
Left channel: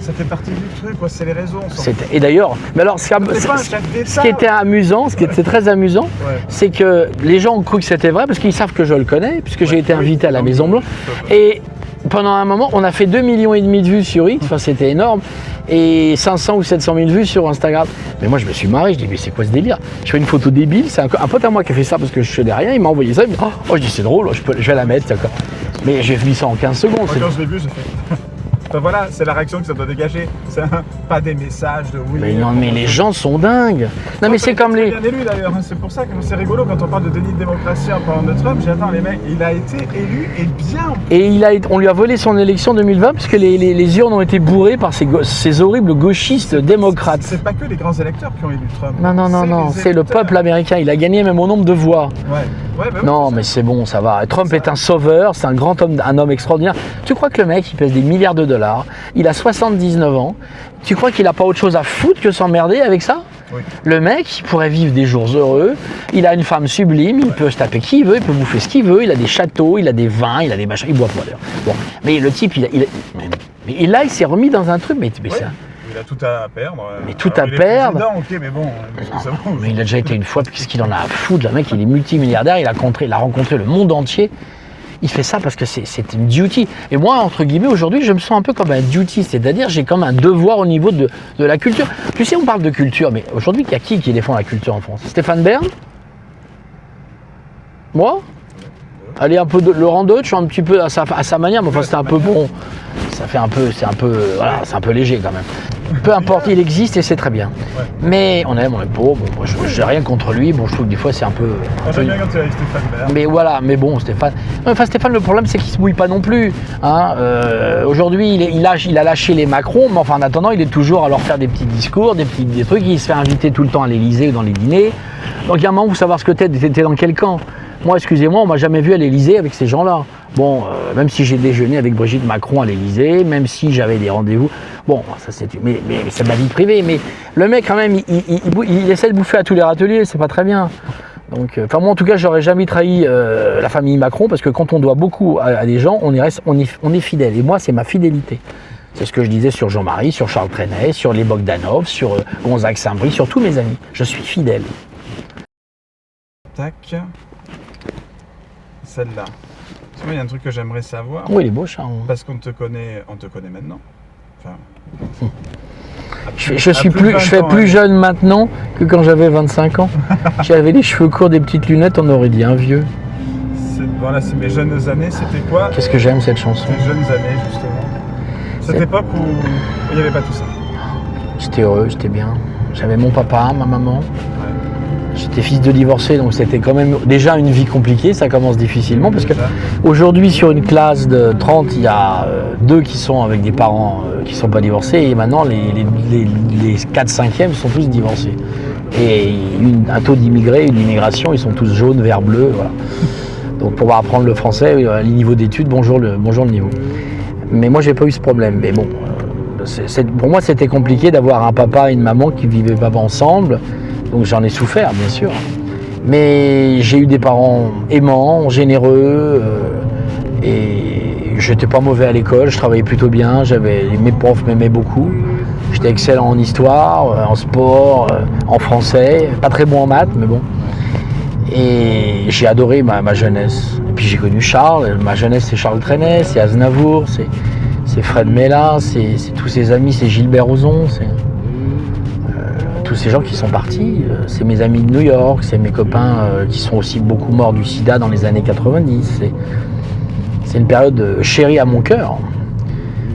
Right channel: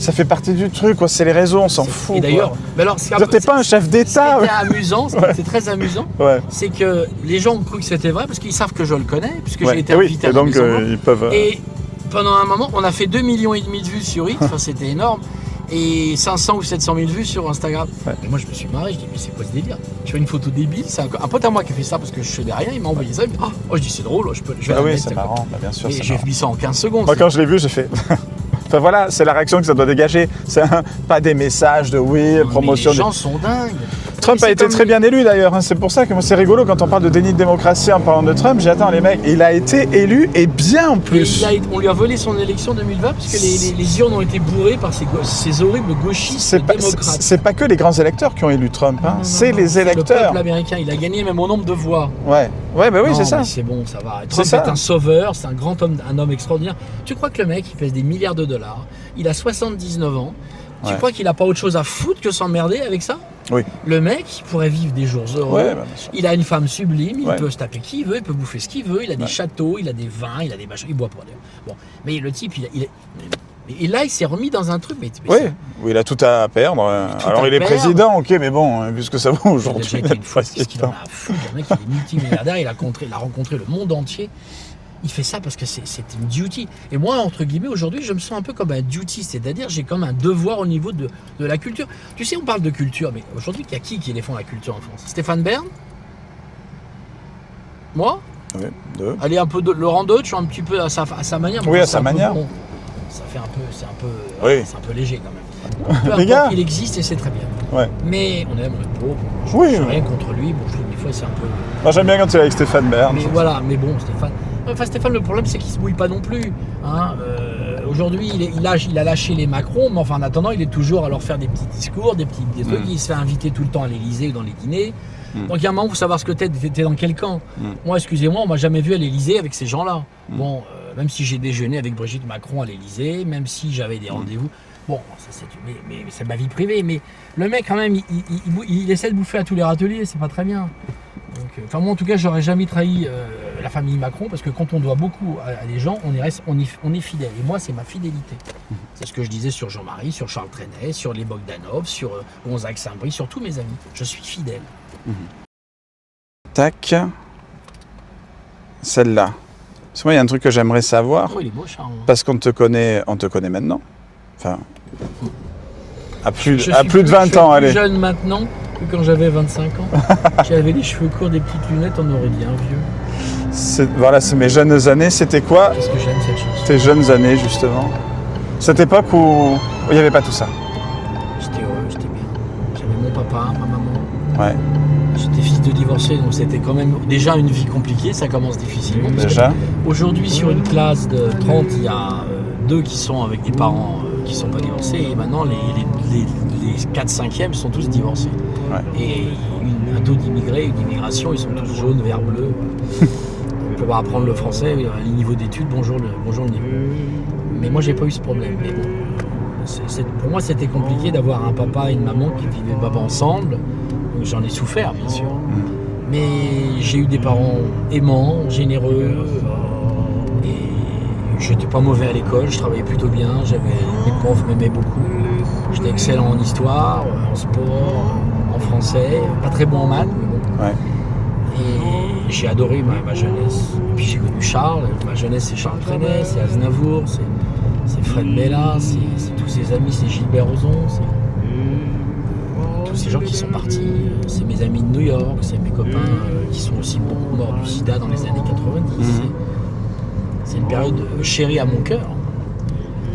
ça fait partie du truc, quoi. C'est les réseaux, on s'en fout. Et d'ailleurs, mais alors, T'es pas un chef d'État. Ce qui était amusant, ce qui était très amusant, Ouais. c'est que les gens ont cru que c'était vrai parce qu'ils savent que je le connais, puisque Ouais. j'ai été Oui, invité à et la donc, Maison Blanche. ils peuvent, Et pendant un moment, on a fait 2,5 millions de vues sur X, enfin, c'était énorme, et 500 ou 700 000 vues sur Instagram. Mais moi, je me suis marré, je dis, mais c'est quoi ce délire? Je fais une photo débile, c'est un pote à moi qui a fait ça parce que je faisais rien, il m'a envoyé ça, il me dit, oh, je dis, c'est drôle, je vais la Ah oui, mettre. c'est marrant, bien sûr, Mais c'est j'ai mis ça en 15 secondes. Moi, c'est- quand je l'ai vu, j'ai fait. Enfin voilà, c'est la réaction que ça doit dégager. C'est pas des messages de oui, Mais non, mais promotion. les gens sont dingues. Trump c'est a été très bien élu d'ailleurs. C'est pour ça que moi, c'est rigolo quand on parle de déni de démocratie en parlant de Trump. J'attends les mecs. Il a été élu et bien en plus. Et on lui a volé son élection 2020 puisque les urnes ont été bourrées par ces horribles gauchistes démocrates. C'est pas que les grands électeurs qui ont élu Trump. hein. Non, C'est les c'est le électeurs. peuple américain. Il a gagné même au nombre de voix. Ouais, ouais, bah oui, non, c'est ça. mais c'est bon, ça va. Trump ça. est un sauveur, c'est un grand homme, un homme extraordinaire. Tu crois que le mec, il pèse des milliards de dollars, il a 79 ans, tu crois qu'il a pas autre chose à foutre que s'emmerder avec ça? Oui. Le mec, il pourrait vivre des jours heureux, Ouais. il a une femme sublime, il Ouais. peut se taper qui il veut, il peut bouffer ce qu'il veut, il a des châteaux, il a des vins, il a des machins, il boit pas d'ailleurs. Bon, mais le type, mais là, il s'est remis dans un truc, mais Oui. ça- Oui, il a tout à perdre. tout Alors, à il est perdre. président, ok, mais bon, puisque ça vaut Mais il aujourd'hui. a déjà été une fois, qu'est-ce qu'il en a à foutre? Le mec, il est multimilliardaire, il a rencontré le monde entier. Il fait ça parce que c'est une duty. Et moi, entre guillemets, aujourd'hui, je me sens un peu comme un duty, c'est-à-dire j'ai comme un devoir au niveau de la culture. Tu sais, on parle de culture, mais aujourd'hui, il y a qui défend la culture en France? Stéphane Bern? Moi? Ouais, deux. Allez, un peu de Laurent Deutsch, un petit peu à sa manière, mais Oui, enfin, à c'est sa un peu manière. bon. Ça fait un peu, voilà, Oui. c'est un peu léger quand même. Peu Les importe, gars. il existe et c'est très bien. Ouais. Mais on aime pas. Bon, moi, je n'ai rien contre lui. Bon, je trouve que des fois c'est un peu. Moi, j'aime bien quand tu es avec Stéphane Bern. Mais voilà, mais bon, Stéphane. Non, enfin, Stéphane, le problème, c'est qu'il se mouille pas non plus. Hein. Aujourd'hui, il a lâché les Macron, mais enfin, en attendant, il est toujours à leur faire des petits discours, des trucs. Il se fait inviter tout le temps à l'Élysée ou dans les dîners. Donc, il y a un moment, vous savoir ce que t'es dans quel camp. Moi, excusez-moi, on m'a jamais vu à l'Élysée avec ces gens-là. Bon, même si j'ai déjeuné avec Brigitte Macron à l'Élysée, même si j'avais des rendez-vous. Bon, ça c'est. Mais c'est ma vie privée. Mais le mec, quand même, il essaie de bouffer à tous les râteliers, c'est pas très bien. Donc, moi en tout cas, j'aurais jamais trahi la famille Macron parce que quand on doit beaucoup à des gens, on est fidèle. Et moi, c'est ma fidélité. C'est ce que je disais sur Jean-Marie, sur Charles Trenet, sur les Bogdanov, sur Gonzague Saint-Brie, sur tous mes amis. Je suis fidèle. Tac. Celle-là. Parce que moi, il y a un truc que j'aimerais savoir. Oui, il est beau, Charles. Parce qu'on te connaît maintenant. Enfin. À plus, Je à suis plus de plus, 20 je fais ans, plus allez. jeune maintenant que quand j'avais 25 ans. J'avais les cheveux courts, des petites lunettes, on aurait dit un vieux. Voilà, c'est mes jeunes années. C'était quoi Qu'est-ce que j'aime cette chanson. tes jeunes années, justement? Cette époque où il n'y avait pas tout ça. J'étais heureux, j'étais bien. J'avais mon papa, ma maman. Ouais, J'étais fils de divorcé, donc c'était quand même déjà une vie compliquée, ça commence difficilement. Parce déjà. qu'aujourd'hui, sur une classe de 30, il y a 2 qui sont avec des parents qui ne sont pas divorcés, et maintenant les 4/5e sont tous divorcés. Ouais. Et un taux d'immigrés, une immigration, ils sont tous jaunes, vert, bleu. Voilà. Donc pour apprendre le français, les niveaux d'études, bonjour le niveau. Mais moi, j'ai pas eu ce problème. Mais bon, pour moi, c'était compliqué d'avoir un papa et une maman qui vivaient pas ensemble. Donc j'en ai souffert, bien sûr. Mais j'ai eu des parents aimants, généreux, et j'étais pas mauvais à l'école, je travaillais plutôt bien, mes profs m'aimaient beaucoup. J'étais excellent en histoire, en sport, en français, pas très bon en maths, mais bon. Ouais. Et j'ai adoré ma jeunesse. Et puis j'ai connu Charles, ma jeunesse c'est Charles Trenet, c'est Aznavour, c'est Fred Mella, c'est tous ses amis, c'est Gilbert Rozon, c'est tous ces gens qui sont partis. C'est mes amis de New York, c'est mes copains qui sont aussi beaucoup morts du sida dans les années 90. C'est une période chérie à mon cœur.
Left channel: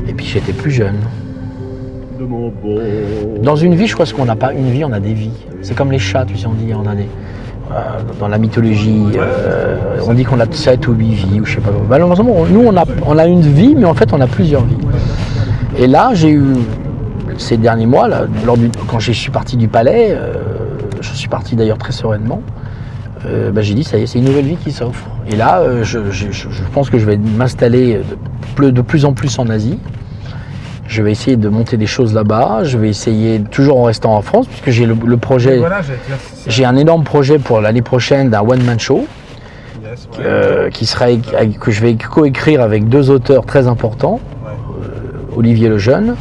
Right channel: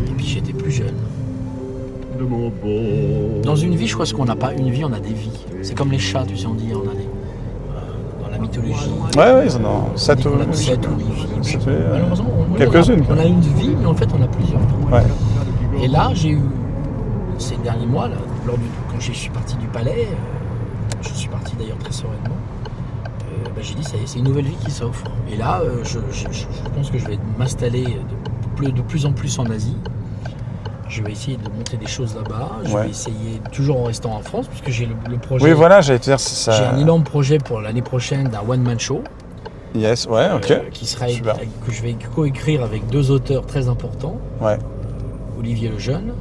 Et puis j'étais plus jeune. Dans une vie, je crois qu'on n'a pas une vie, on a des vies. C'est comme les chats, tu sais, on dit, on a des... dans la mythologie, Ouais, on dit qu'on a 7 ou 8 vies, ou je sais pas. Malheureusement, nous, on a une vie, mais en fait, on a plusieurs vies. Ouais. Et là, j'ai eu, ces derniers mois, là, quand je suis parti du palais, je suis parti d'ailleurs très sereinement, j'ai dit, ça y est, c'est une nouvelle vie qui s'offre. Et là, je pense que je vais m'installer de plus en plus en Asie. Je vais essayer de monter des choses là-bas. Je vais essayer, toujours en restant en France, puisque j'ai le projet. Oui, voilà, j'allais te dire ça. J'ai un énorme projet pour l'année prochaine d'un one-man show. Yes, ouais, ok. Qui que je vais coécrire avec 2 auteurs très importants, Ouais. Olivier Lejeune,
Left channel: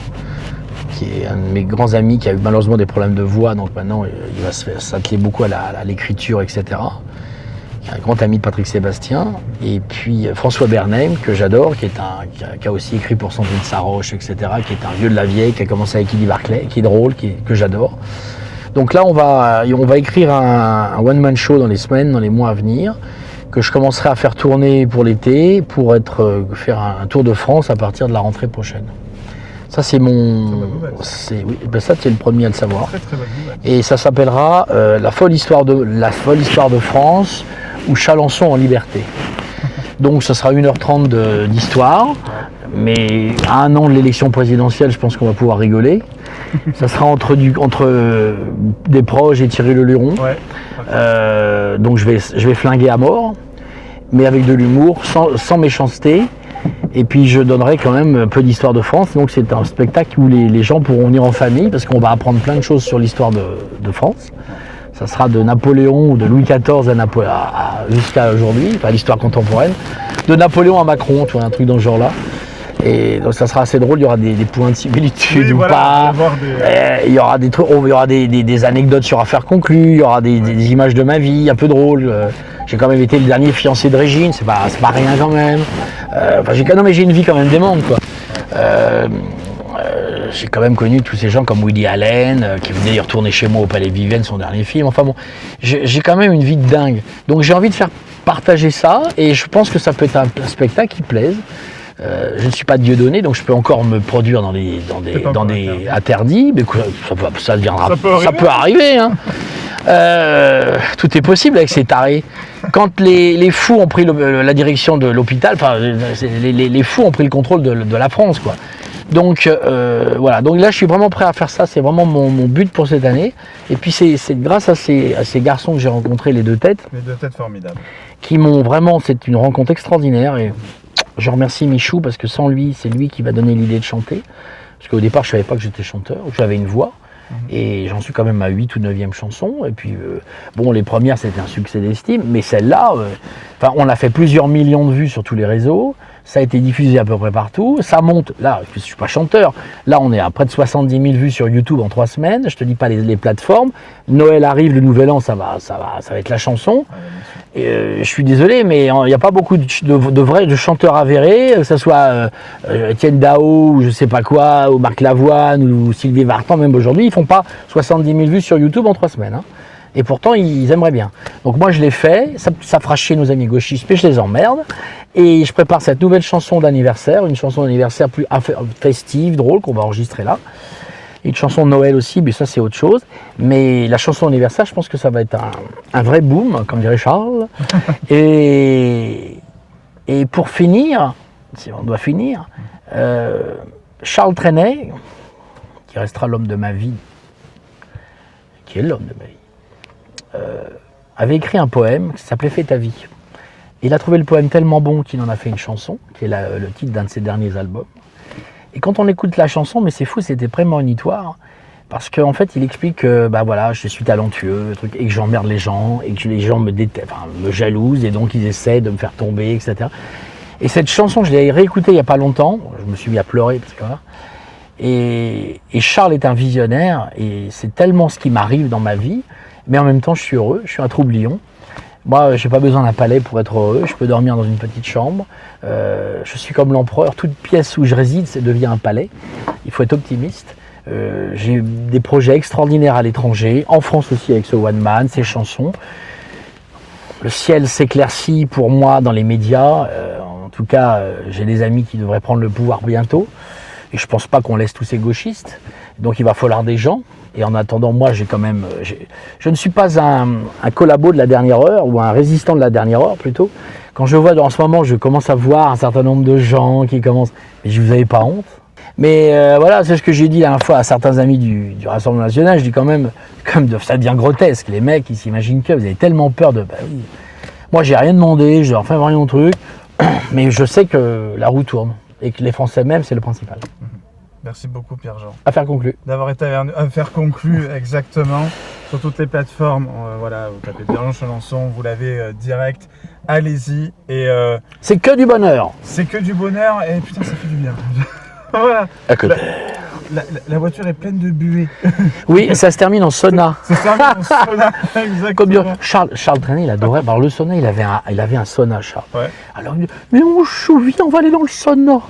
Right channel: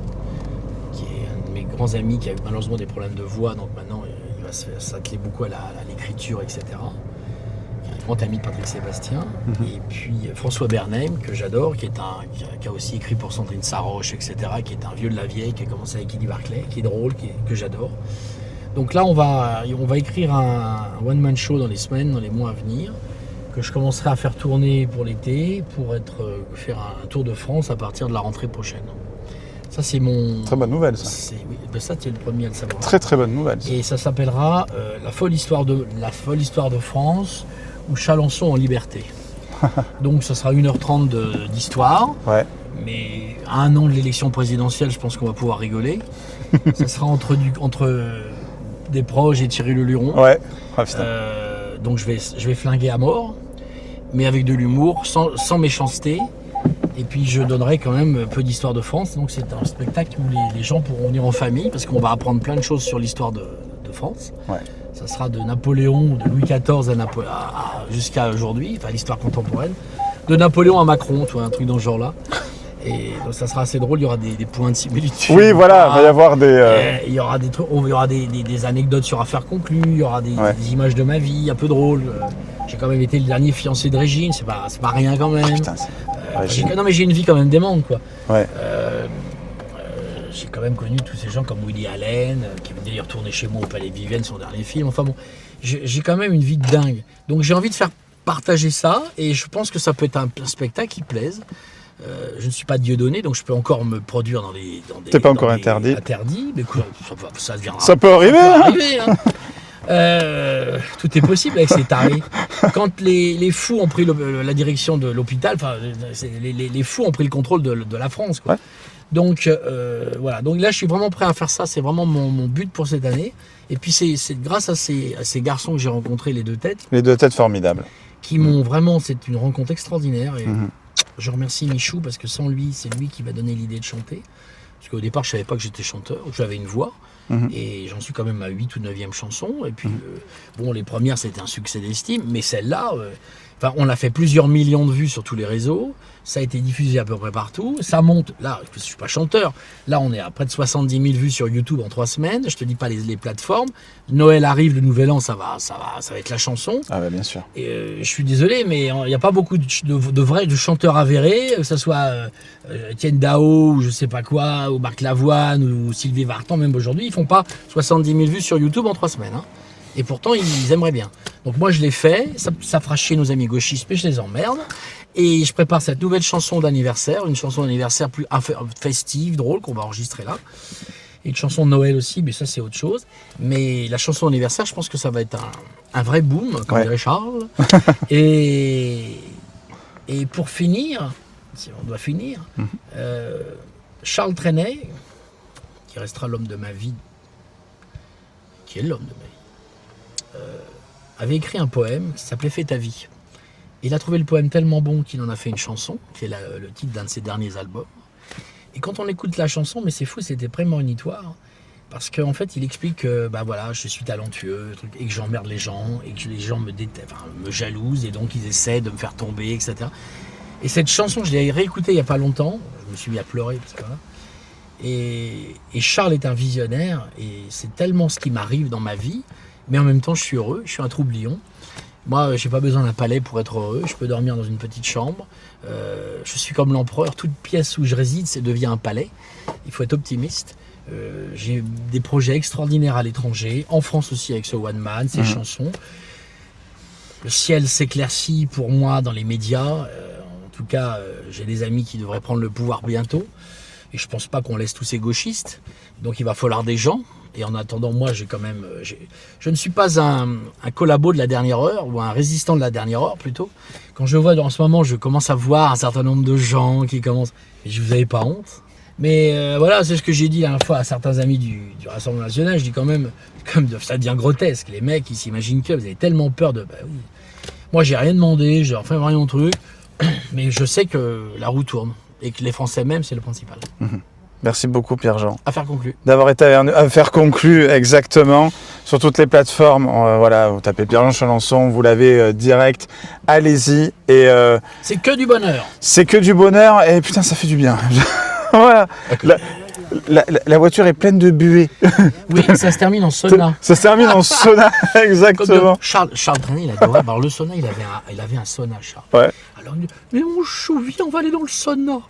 qui est un de mes grands amis, qui a eu malheureusement des problèmes de voix, donc maintenant il va s'atteler beaucoup à l'écriture, etc. Un grand ami de Patrick Sébastien. Et puis François Bernheim, que j'adore, qui a aussi écrit pour Sandrine Saroche, etc., qui est un vieux de la vieille, qui a commencé avec Eddie Barclay, qui est drôle, que j'adore. Donc là, on va écrire un one-man show dans les mois à venir, que je commencerai à faire tourner pour l'été, pour faire un tour de France à partir de la rentrée prochaine. Ça, c'est mon... Très bonne nouvelle. Ça. Oui, ben ça, tu es le premier à le savoir. Très très bonne nouvelle. Et ça s'appellera la folle histoire de France ou Chalencon en liberté. Donc, ça sera 1h30 d'histoire. Ouais. Mais à un an de l'élection présidentielle, je pense qu'on va pouvoir rigoler. Ça sera entre des proches et Thierry Leluron. Ouais. Donc, je vais flinguer à mort, mais avec de l'humour, sans méchanceté. Et puis je donnerai quand même un peu d'histoire de France. Donc c'est un spectacle où les gens pourront venir en famille parce qu'on va apprendre plein de choses sur l'histoire de France. Ouais. Ça sera de Napoléon ou de Louis XIV jusqu'à aujourd'hui, enfin l'histoire contemporaine. De Napoléon à Macron, tu vois, un truc dans ce genre-là. Et donc ça sera assez drôle, il y aura des points de similitude. Oui, voilà, il va y avoir des... Il y aura des trucs, il y aura des anecdotes sur affaires conclues, il y aura des images de ma vie, un peu drôles. J'ai quand même été le dernier fiancé de Régine, c'est pas rien quand même. J'ai une vie quand même démente, quoi. Ouais. J'ai quand même connu tous ces gens comme Woody Allen, qui venait y retourner chez moi au Palais Vivienne, son dernier film. Enfin bon, j'ai quand même une vie de dingue. Donc j'ai envie de faire partager ça, et je pense que ça peut être un spectacle qui plaise. Je ne suis pas Dieudonné, donc je peux encore me produire dans des interdits, mais ça deviendra. Ça peut arriver. Hein. Tout est possible avec ces tarés. Quand les fous ont pris la direction de l'hôpital, enfin les fous ont pris le contrôle de la France, quoi. Donc voilà. Donc là, je suis vraiment prêt à faire ça. C'est vraiment mon but pour cette année. Et puis c'est grâce à ces garçons que j'ai rencontrés, les deux têtes. Les deux têtes formidables. Qui m'ont vraiment. C'est une rencontre extraordinaire. Et je remercie Michou parce que sans lui, c'est lui qui va donner l'idée de chanter. Parce qu'au départ, je savais pas que j'étais chanteur. J'avais une voix. Et j'en suis quand même à 8 ou 9e chanson. Et puis, les premières, c'était un succès d'estime. Mais celle-là, on a fait plusieurs millions de vues sur tous les réseaux. Ça a été diffusé à peu près partout. Ça monte. Là, je ne suis pas chanteur. Là, on est à près de 70 000 vues sur YouTube en 3 semaines. Je te dis pas les plateformes. Noël arrive, le Nouvel An, ça va être la chanson. Ah ouais, bien sûr. Et, je suis désolé, mais il n'y a pas beaucoup de chanteurs avérés, que ce soit Étienne Dao, ou je sais pas quoi, ou Marc Lavoine, ou Sylvie Vartan, même aujourd'hui, ils font pas 70 000 vues sur YouTube en 3 semaines. Hein. Et pourtant, ils aimeraient bien. Donc moi, je l'ai fait. Ça fera chier nos amis gauchistes, mais je les emmerde. Et je prépare cette nouvelle chanson d'anniversaire, une chanson d'anniversaire plus festive, drôle, qu'on va enregistrer là. Et une chanson de Noël aussi, mais ça c'est autre chose. Mais la chanson d'anniversaire, je pense que ça va être un vrai boom, comme dirait Charles. Et pour finir, si on doit finir, Charles Trenet, qui restera l'homme de ma vie, qui est l'homme de ma vie, avait écrit un poème qui s'appelait « Fais ta vie ». Il a trouvé le poème tellement bon qu'il en a fait une chanson, qui est le titre d'un de ses derniers albums. Et quand on écoute la chanson, mais c'est fou, c'était prémonitoire, parce qu'en fait, il explique que je suis talentueux, et que j'emmerde les gens, et que les gens me jalousent, et donc ils essaient de me faire tomber, etc. Et cette chanson, je l'ai réécoutée il n'y a pas longtemps, je me suis mis à pleurer, parce que voilà. Et Charles est un visionnaire, et c'est tellement ce qui m'arrive dans ma vie, mais en même temps, je suis heureux, je suis un troublion. Moi, je n'ai pas besoin d'un palais pour être heureux. Je peux dormir dans une petite chambre. Je suis comme l'empereur. Toute pièce où je réside, devient un palais. Il faut être optimiste. J'ai des projets extraordinaires à l'étranger, en France aussi avec ce One Man, ces chansons. Le ciel s'éclaircit pour moi dans les médias. En tout cas, j'ai des amis qui devraient prendre le pouvoir bientôt. Et je ne pense pas qu'on laisse tous ces gauchistes. Donc il va falloir des gens. Et en attendant, moi, je ne suis pas un collabo de la dernière heure, ou un résistant de la dernière heure, plutôt. Quand je vois, en ce moment, je commence à voir un certain nombre de gens qui commencent... Mais je vous avais pas honte. Mais voilà, c'est ce que j'ai dit la dernière fois à certains amis du Rassemblement National. Je dis quand même ça devient grotesque. Les mecs, ils s'imaginent que vous avez tellement peur de... oui. Moi, j'ai rien demandé, je leur fais rien au truc. Mais je sais que la roue tourne. Et que les Français même, c'est le principal. Merci beaucoup Pierre-Jean. Affaire conclue. D'avoir été affaire conclue, exactement. Sur toutes les plateformes, vous tapez Pierre-Jean Chalencon, vous l'avez direct, allez-y. Et c'est que du bonheur. C'est que du bonheur et putain ça fait du bien. Voilà. la voiture est pleine de buée. Oui, ça se termine en sauna. Ça se termine en sauna, exactement. Charles Trenet, il adorait. Alors, le sauna, il avait un sauna, Charles. Ouais. Alors, il me dit, mais mon chou, viens, on va aller dans le sauna.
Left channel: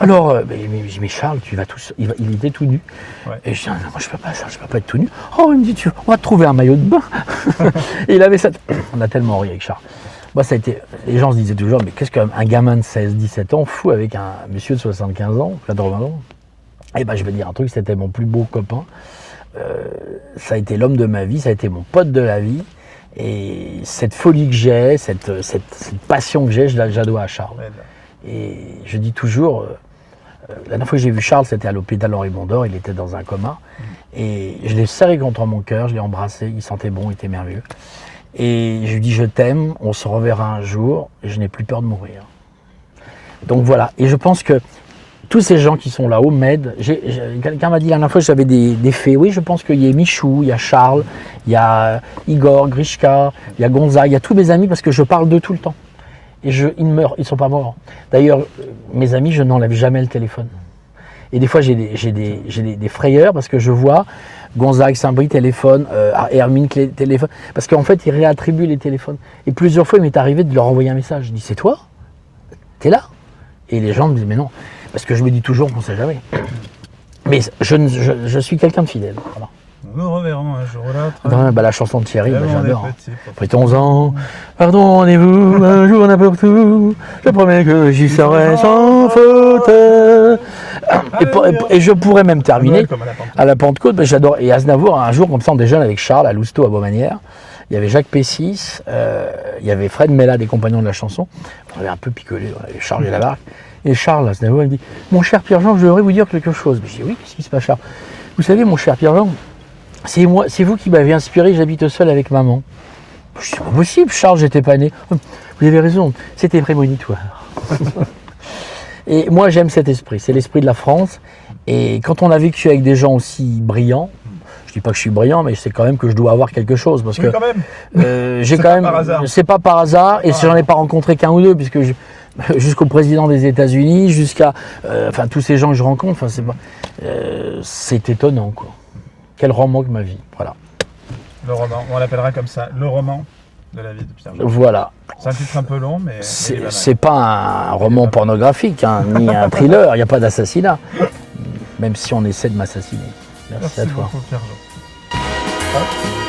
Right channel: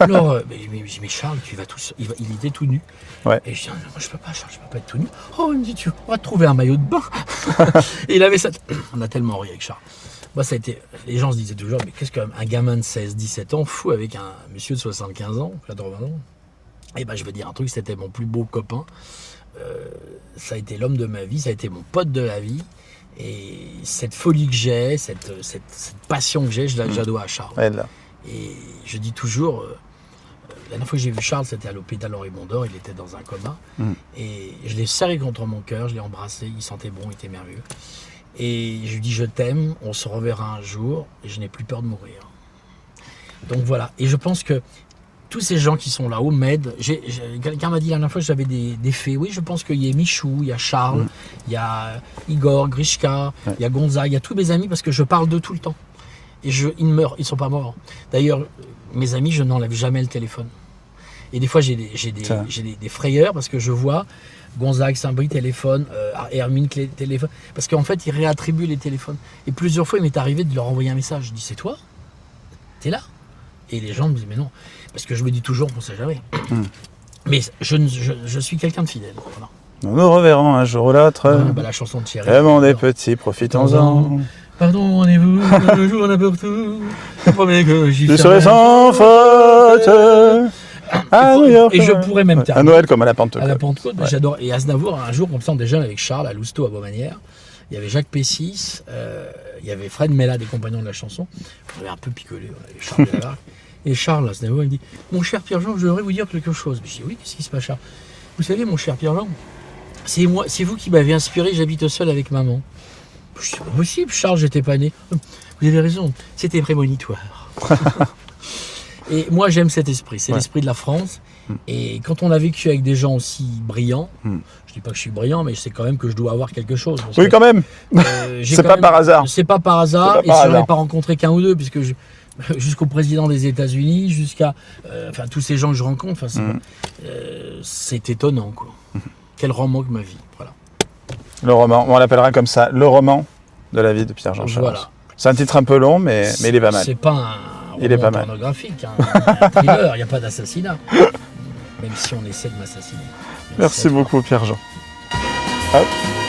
Alors, mais Charles, tu vas tout seul. Il était tout nu. Ouais. Et je dis, non, moi, je peux pas, Charles, je peux pas être tout nu. Oh, il me dit, on va te trouver un maillot de bain. Et il avait cette. On a tellement ri avec Charles. Moi, ça a été. Les gens se disaient toujours, mais qu'est-ce qu'un gamin de 16, 17 ans fou avec un monsieur de 75 ans, 80 ans? Eh ben, je vais dire un truc, c'était mon plus beau copain. Ça a été l'homme de ma vie, ça a été mon pote de la vie. Et cette folie que j'ai, cette passion que j'ai, je la dois à Charles. Ouais, là. Et je dis toujours, la dernière fois que j'ai vu Charles, c'était à l'hôpital Henri Mondor, il était dans un coma. Et je l'ai serré contre mon cœur, je l'ai embrassé, il sentait bon, il était merveilleux. Et je lui dis, je t'aime, on se reverra un jour, et je n'ai plus peur de mourir. Donc voilà, et je pense que tous ces gens qui sont là-haut m'aident. Quelqu'un m'a dit la dernière fois que j'avais des fées. Oui, je pense qu'il y a Michou, il y a Charles, il y a Igor, Grishka, il y a Gonzague, il y a tous mes amis parce que je parle d'eux tout le temps. Et ils meurent, ils ne sont pas morts. D'ailleurs, mes amis, je n'enlève jamais le téléphone. Et des fois, j'ai des frayeurs parce que je vois Gonzague, Saint-Brie, téléphone, Hermine, téléphone. Parce qu'en fait, ils réattribuent les téléphones. Et plusieurs fois, il m'est arrivé de leur envoyer un message. Je dis, c'est toi? T'es là? Et les gens me disent, mais non. Parce que je me dis toujours qu'on ne sait jamais. Mais je suis quelqu'un de fidèle. Voilà. Nous nous reverrons un jour ou l'autre. Ouais, bah, la chanson de Thierry. Vraiment des j'adore. petits, Profitons-en. profitons-en. Pardonnez-vous, un jour n'importe où. Je promets que j'y Tu serai seras sans sans faute. Et je pourrais même À terminer Noël comme à la Pentecôte. à la Pentecôte. Mais j'adore. Et Aznavour, un jour, comme ça, on déjeune avec Charles à Lousteau, à Beaumanière. Il y avait Jacques Pessis, il y avait Fred Mella, des compagnons de la chanson. On avait un peu picolé, on avait Charles Delabarque. Et Charles, Aznavour, il me dit, mon cher Pierre-Jean, je voudrais vous dire quelque chose. Je dis, oui, qu'est-ce qui se passe, Charles? Vous savez, mon cher Pierre-Jean, c'est vous qui m'avez inspiré, j'habite seul avec maman. Je dis, c'est pas possible, Charles, j'étais pas né. Vous avez raison, c'était prémonitoire. Et moi, j'aime cet esprit, c'est l'esprit de la France. Et quand on a vécu avec des gens aussi brillants, je dis pas que je suis brillant, mais c'est quand même que je dois avoir quelque chose. Parce Oui, que, quand même. c'est pas par hasard. C'est pas par hasard, C'est pas et par si j'en ai hasard. pas rencontré qu'un ou deux, puisque jusqu'au président des États-Unis, jusqu'à enfin tous ces gens que je rencontre, c'est étonnant, quoi. Quel roman que ma vie, voilà. Le roman, on l'appellera comme ça, le roman de la vie de Pierre-Jean Charest. Voilà. C'est un titre un peu long, mais il est pas mal. C'est pas un Il est roman pas mal. pornographique, hein, ni un thriller, il n'y a pas d'assassinat. Même si on essaie de m'assassiner. Merci à toi. beaucoup, Pierre-Jean. Hop.